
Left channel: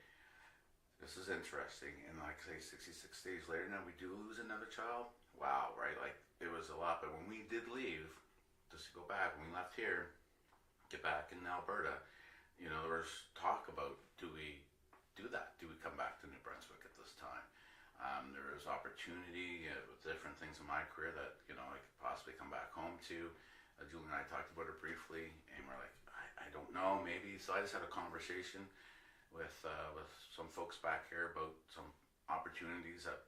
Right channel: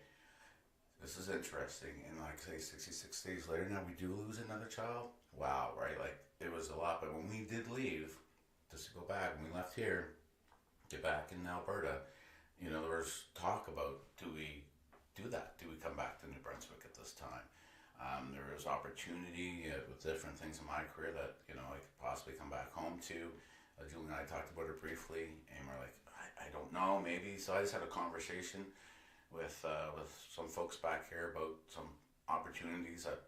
this is interesting. And like say 66 days later, now we do lose another child. Wow, right? Like, it was a lot. But when we did leave, just to go back, when we left here, get back in Alberta, there was talk about, do we do that? Do we come back to New Brunswick at this time? There was opportunity with different things in my career that, I could possibly come back home to. Julie and I talked about it briefly, and we're like, I don't know, maybe. So I just had a conversation with some folks back here about some opportunities that,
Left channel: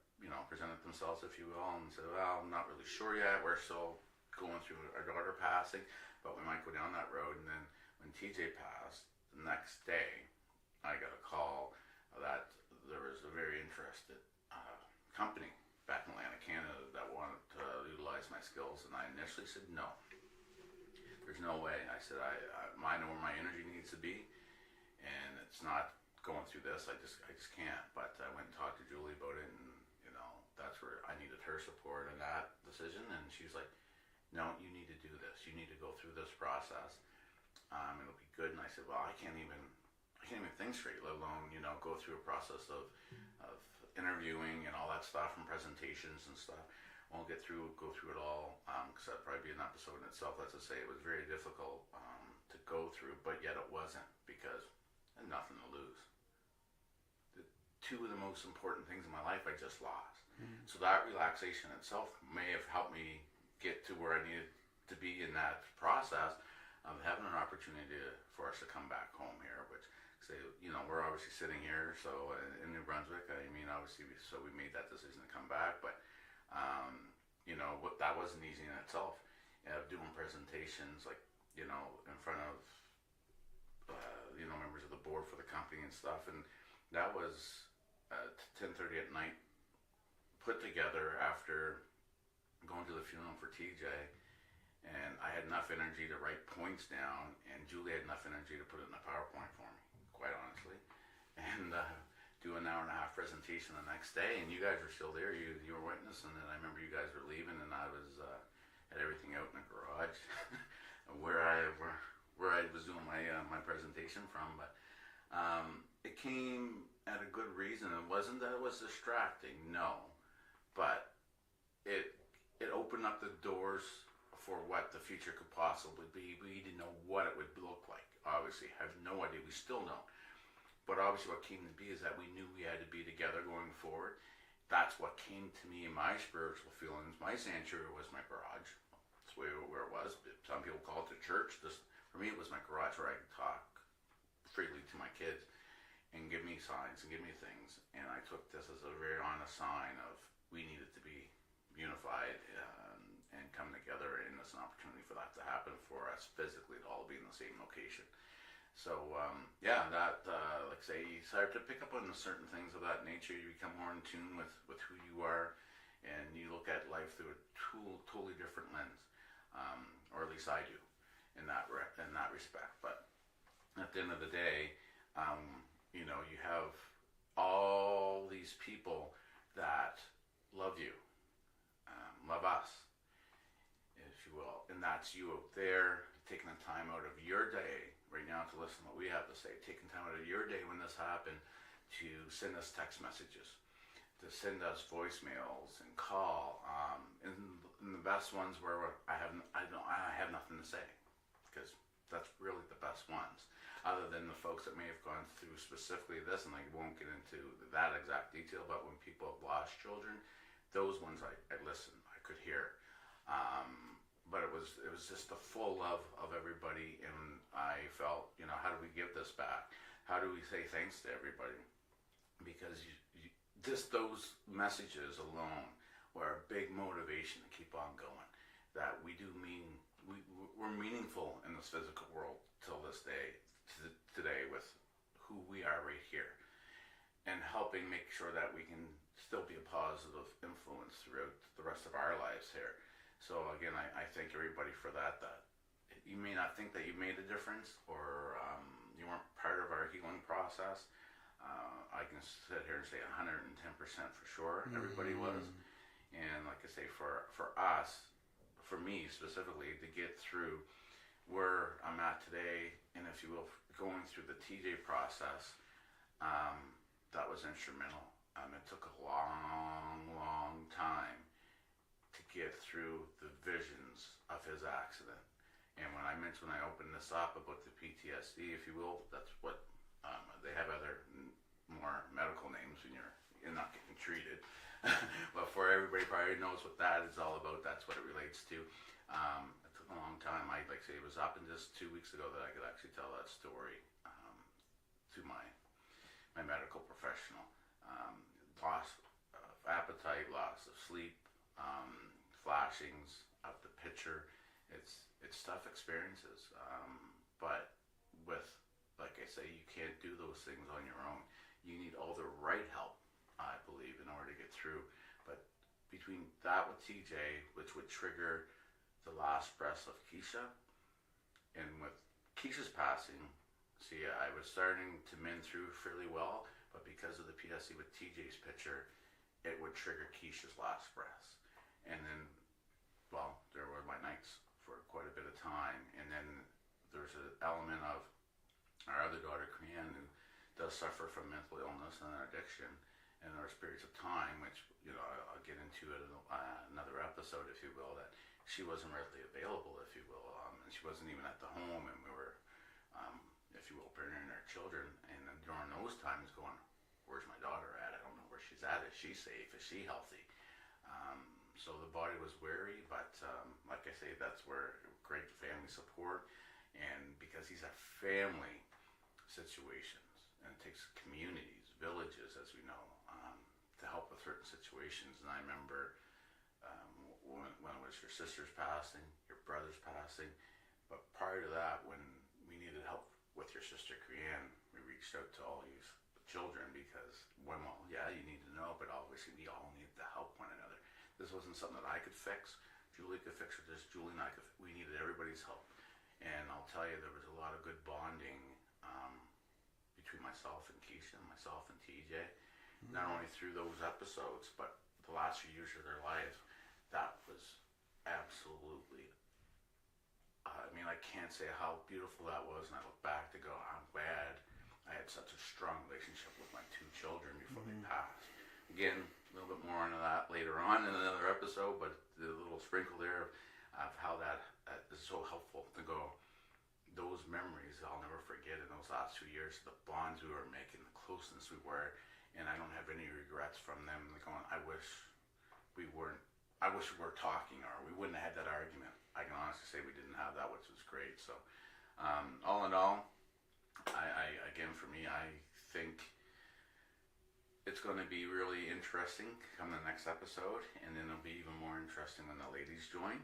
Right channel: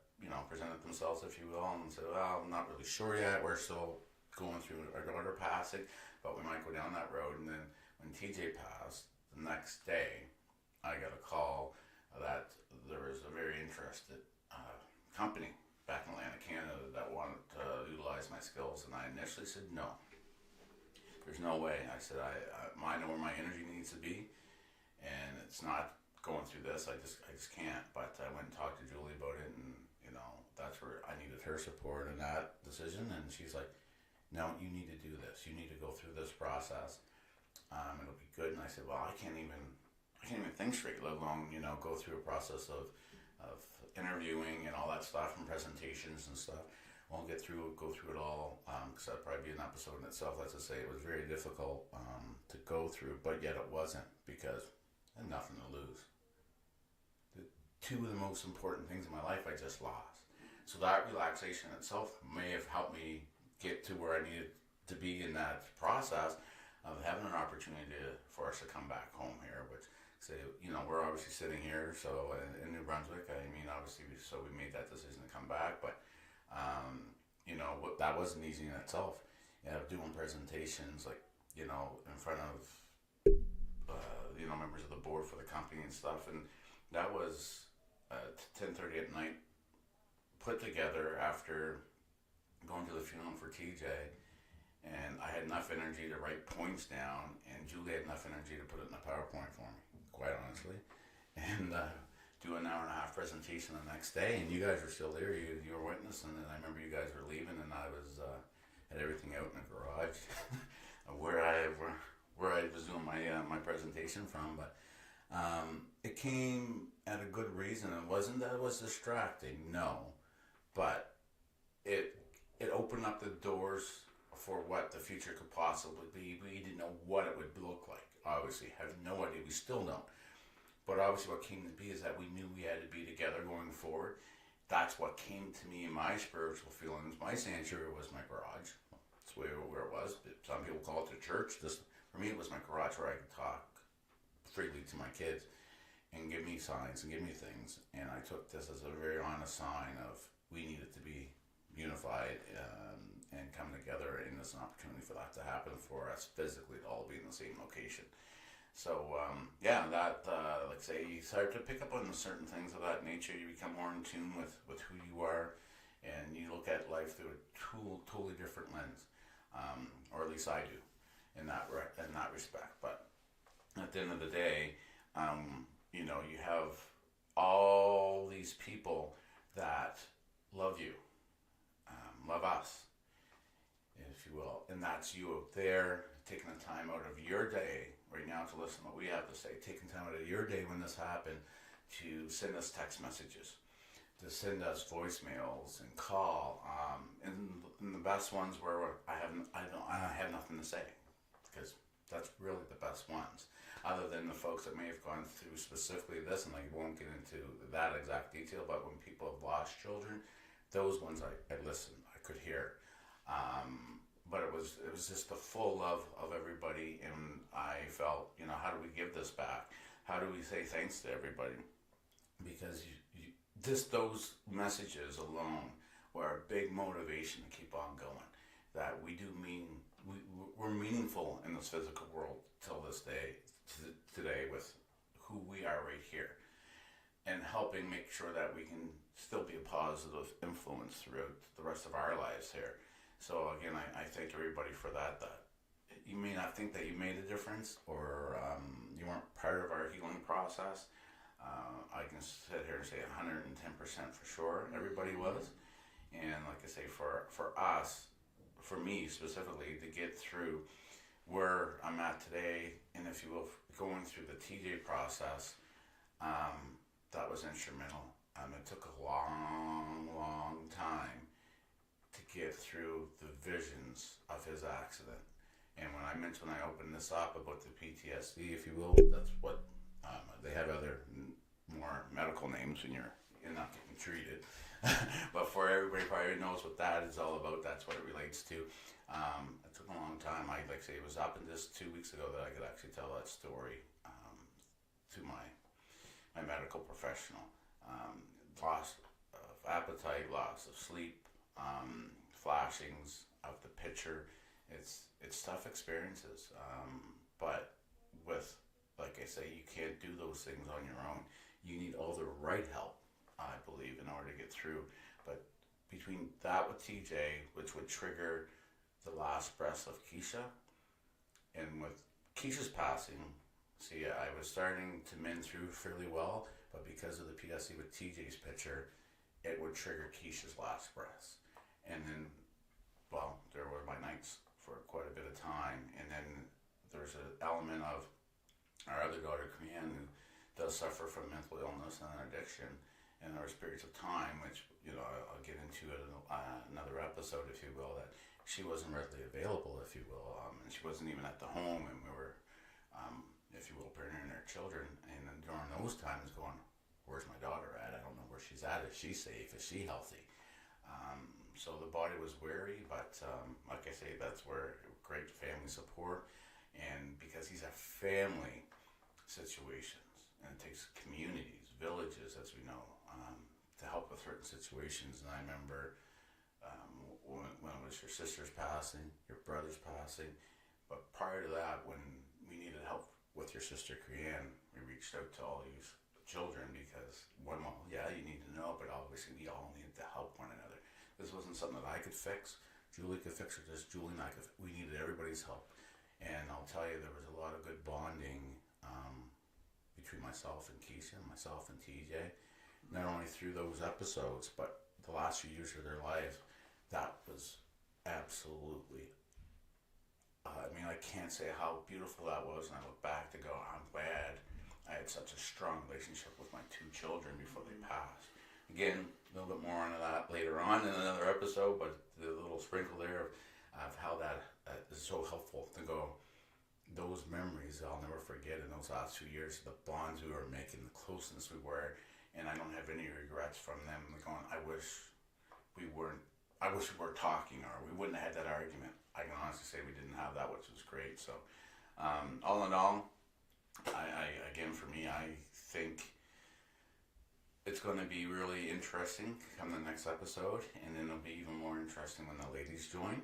presented themselves, if you will, and said, well, I'm not really sure yet. We're still going through our daughter passing, but we might go down that road. And then when TJ passed, the next day, I got a call that there was a very interested company back in Atlantic, Canada, that wanted to utilize my skills, and I initially said no. There's no way. I said I know where my energy needs to be, and it's not going through this. I just can't. But I went and talked to Julie about it, and that's where I needed her support in that decision. And she's like, no, you need to do this. You need to go through this process. It'll be good. And I said, well, I can't even think straight, let alone go through a process of interviewing and all that stuff and presentations and stuff. Won't go through it all, because that'd probably be an episode in itself. Let's just say it was very difficult to go through, but yet it wasn't, because I had nothing to lose. Two of the most important things in my life I just lost. So that relaxation itself may have helped me get to where I needed to be in that process of having an opportunity for us to come back home here, which, say, we're obviously sitting here, so in New Brunswick. I mean, obviously, we made that decision to come back, but that wasn't easy in itself. Doing presentations, like, in front of members of the board for the company and stuff, and that was 10:30 at night, put together after going to the funeral for TJ. And I had enough energy to write points down, and Julie had enough energy to put it in a PowerPoint for me, quite honestly, and do an hour and a half presentation the next day. And you guys were still there, you were witnessing, and I remember you guys were leaving, and I was had everything out in the garage where I was doing my presentation from. But it came at a good reason. It wasn't that it was distracting, no, but it opened up the doors for what the future could possibly be. We didn't know what it would look like. Obviously, have no idea. We still don't. But obviously what came to be is that we knew we had to be together going forward. That's what came to me in my spiritual feelings. My sanctuary was my garage. That's where it was. Some people call it the church. For me, it was my garage where I could talk freely to my kids and and give me signs and give me things. And I took this as a very honest sign of we needed to be unified and come together, and there's an opportunity for that to happen for us physically to all be in the same location. So that like say you start to pick up on certain things of that nature. You become more in tune with who you are, and you look at life through a totally different lens, or at least I do in that respect. But at the end of the day, you have all these people that love you, love us, if you will, and that's you out there taking the time out of your day right now to listen to what we have to say, taking time out of your day when this happened to send us text messages, to send us voicemails and call, and the best ones where I have nothing to say, because that's really the best ones. Other than the folks that may have gone through specifically this, and I won't get into that exact detail, but when people have lost children, those ones I listened, I could hear. But it was just the full love of everybody, and I felt, how do we give this back? How do we say thanks to everybody? Because just those messages alone were a big motivation to keep on going. That we're meaningful in this physical world till this day, today, with who we are right here, and helping make sure that we can still be a positive influence throughout the rest of our lives here. So again, I thank everybody for that. That you may not think that you made a difference, or you weren't part of our healing process. I can sit here and say 110% for sure. Everybody was, and like I say, for us, for me specifically, to get through where I'm at today, and if you will, going through the TJ process, that was instrumental. It took a long time to get through the visions of his accident. And when I opened this up about the PTSD, if you will, that's what they have other more medical names when you're not getting treated. But for everybody probably knows what that is all about, that's what it relates to. It took a long time. It was up in just 2 weeks ago that I could actually tell that story to my medical professional. Loss of appetite, loss of sleep, flashings of the picture. It's tough experiences, but with, like I say, you can't do those things on your own. You need all the right help, I believe, in order to get through. But between that with TJ, which would trigger the last breaths of Kiesha, and with Kiesha's passing, I was starting to mend through fairly well, but because of the PTSD with TJ's picture, it would trigger Kiesha's last breaths. And then, there were my nights for quite a bit of time. And then there's an element of our other daughter, Crean, who does suffer from mental illness and addiction. And there was periods of time, which, I'll get into it in another episode, if you will, that she wasn't readily available, if you will. And she wasn't even at the home, and we were, if you will, parenting our children. And then during those times going, where's my daughter at? I don't know where she's at. Is she safe? Is she healthy? So the body was wary, but like I say, that's where great family support. And because these are family situations, and it takes communities, villages, as we know, to help with certain situations. And I remember when it was your sister's passing, your brother's passing, but prior to that, when we needed help with your sister Crean, we reached out to all these children because, you need to know, but obviously we all needed to help one another. This wasn't something that I could fix. Julie could fix this. Julie and I could. We needed everybody's help. And I'll tell you, there was a lot of good bonding between myself and Kiesha, myself and TJ. Not only through those episodes, but the last few years of their life. That was absolutely. I can't say how beautiful that was. And I look back to go, I'm glad I had such a strong relationship with my two children before they passed. Again, a little bit more into that later on in another episode, but the little sprinkle there of how that is so helpful to go. Those memories I'll never forget in those last 2 years, the bonds we were making, the closeness we were, and I don't have any regrets from them. Going, I wish we were talking, or we wouldn't have had that argument. I can honestly say we didn't have that, which was great. So, all in all, I again, for me, I think going to be really interesting come the next episode, and then it'll be even more interesting when the ladies join.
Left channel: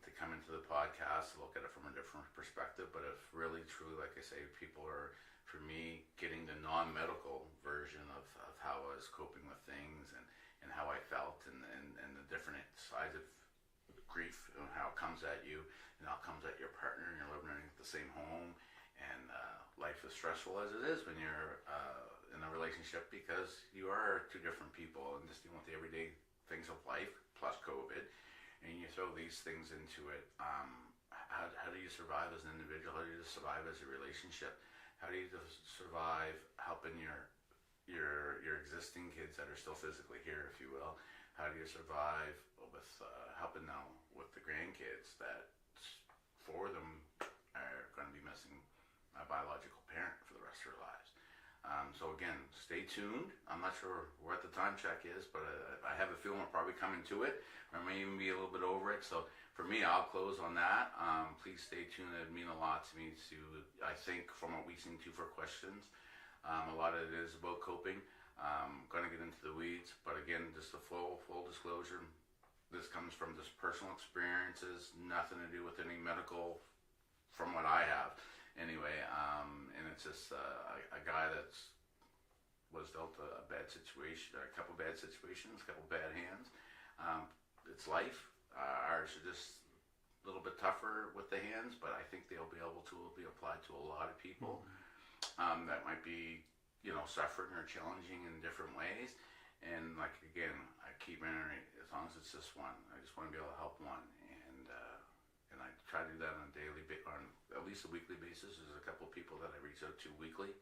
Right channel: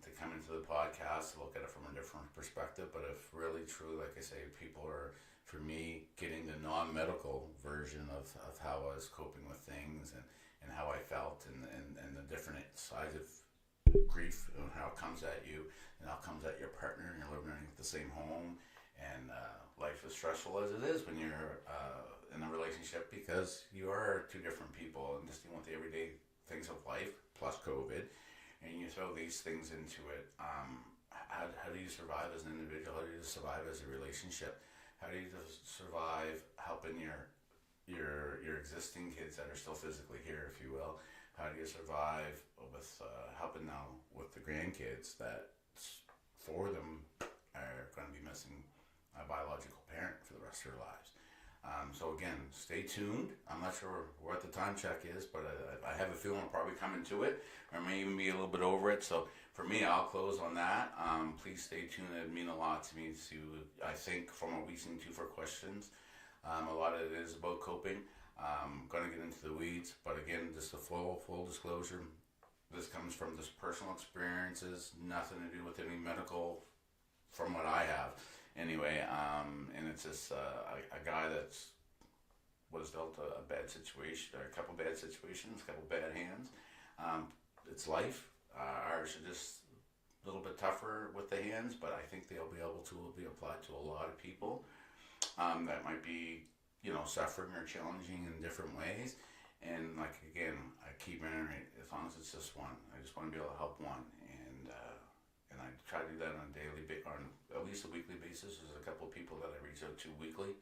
To come into the podcast, look at it from a different perspective. But if really true, like I say, people are, for me, getting the non-medical version of how I was coping with things and how I felt and the different sides of grief and how it comes at you and how it comes at your partner and you're living in the same home and life is stressful as it is when you're in a relationship because you are two different people and just dealing with the everyday things of life plus COVID. And you throw these things into it. How do you survive as an individual? How do you survive as a relationship? How do you survive helping your existing kids that are still physically here, if you will? How do you survive with helping now with the grandkids that four of them are going to be missing a biological parent for the rest of their lives? So again, stay tuned. I'm not sure what the time check is, but I have a feeling we're probably coming to it, or may even be a little bit over it. So for me, I'll close on that. Please stay tuned. It would mean a lot to me I think, from what we seem to for questions. A lot of it is about coping. Going to get into the weeds, but again, just a full disclosure. This comes from just personal experiences, nothing to do with any medical, from what I have. Anyway, and it's just a guy that's was dealt a bad situation, or a couple bad situations, a couple bad hands. It's life. Ours are just a little bit tougher with the hands, but I think they'll be able to be applied to a lot of people that might be, suffering or challenging in different ways. And like again, I keep reiterating, as long as it's just one, I just want to be able to help one, and I try to do that on at least a weekly basis. There's a couple of people that I reach out to weekly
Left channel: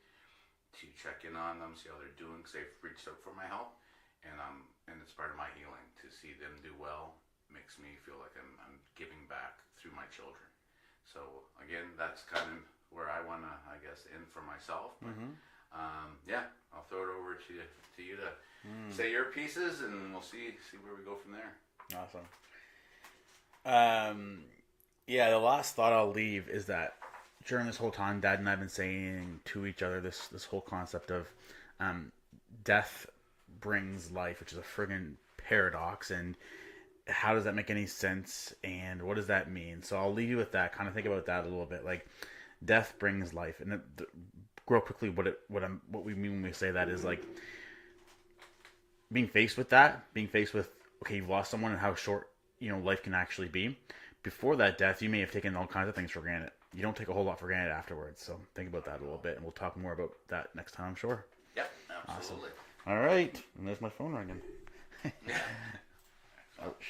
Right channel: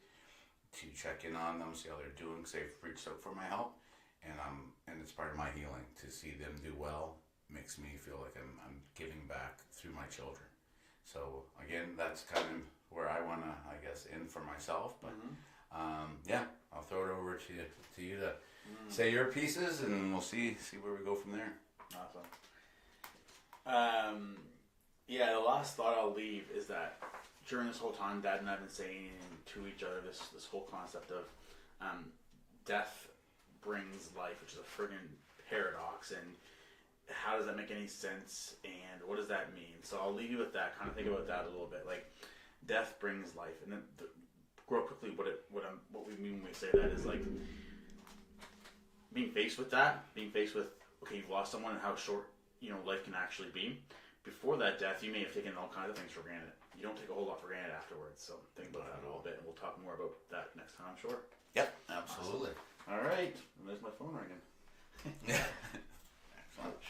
to check in on them, see how they're doing, because they've reached out for my help, and it's part of my healing to see them do well. Makes me feel like I'm giving back through my children. So again, that's kind of where I want to, I guess, end for myself. But yeah, I'll throw it over to you to say your pieces, and we'll see where we go from there. Awesome. Yeah, the last thought I'll leave is that during this whole time, Dad and I have been saying to each other this whole concept of death brings life, which is a friggin' paradox, and how does that make any sense, and what does that mean? So I'll leave you with that. Kind of think about that a little bit. Like, death brings life, and real quickly, what we mean when we say that is like being faced with okay, you've lost someone and how short life can actually be. Before that death, you may have taken all kinds of things for granted. You don't take a whole lot for granted afterwards. So think about that a little bit, and we'll talk more about that next time, I'm sure. Yep, absolutely. Awesome. All right, and there's my phone ringing. Yeah.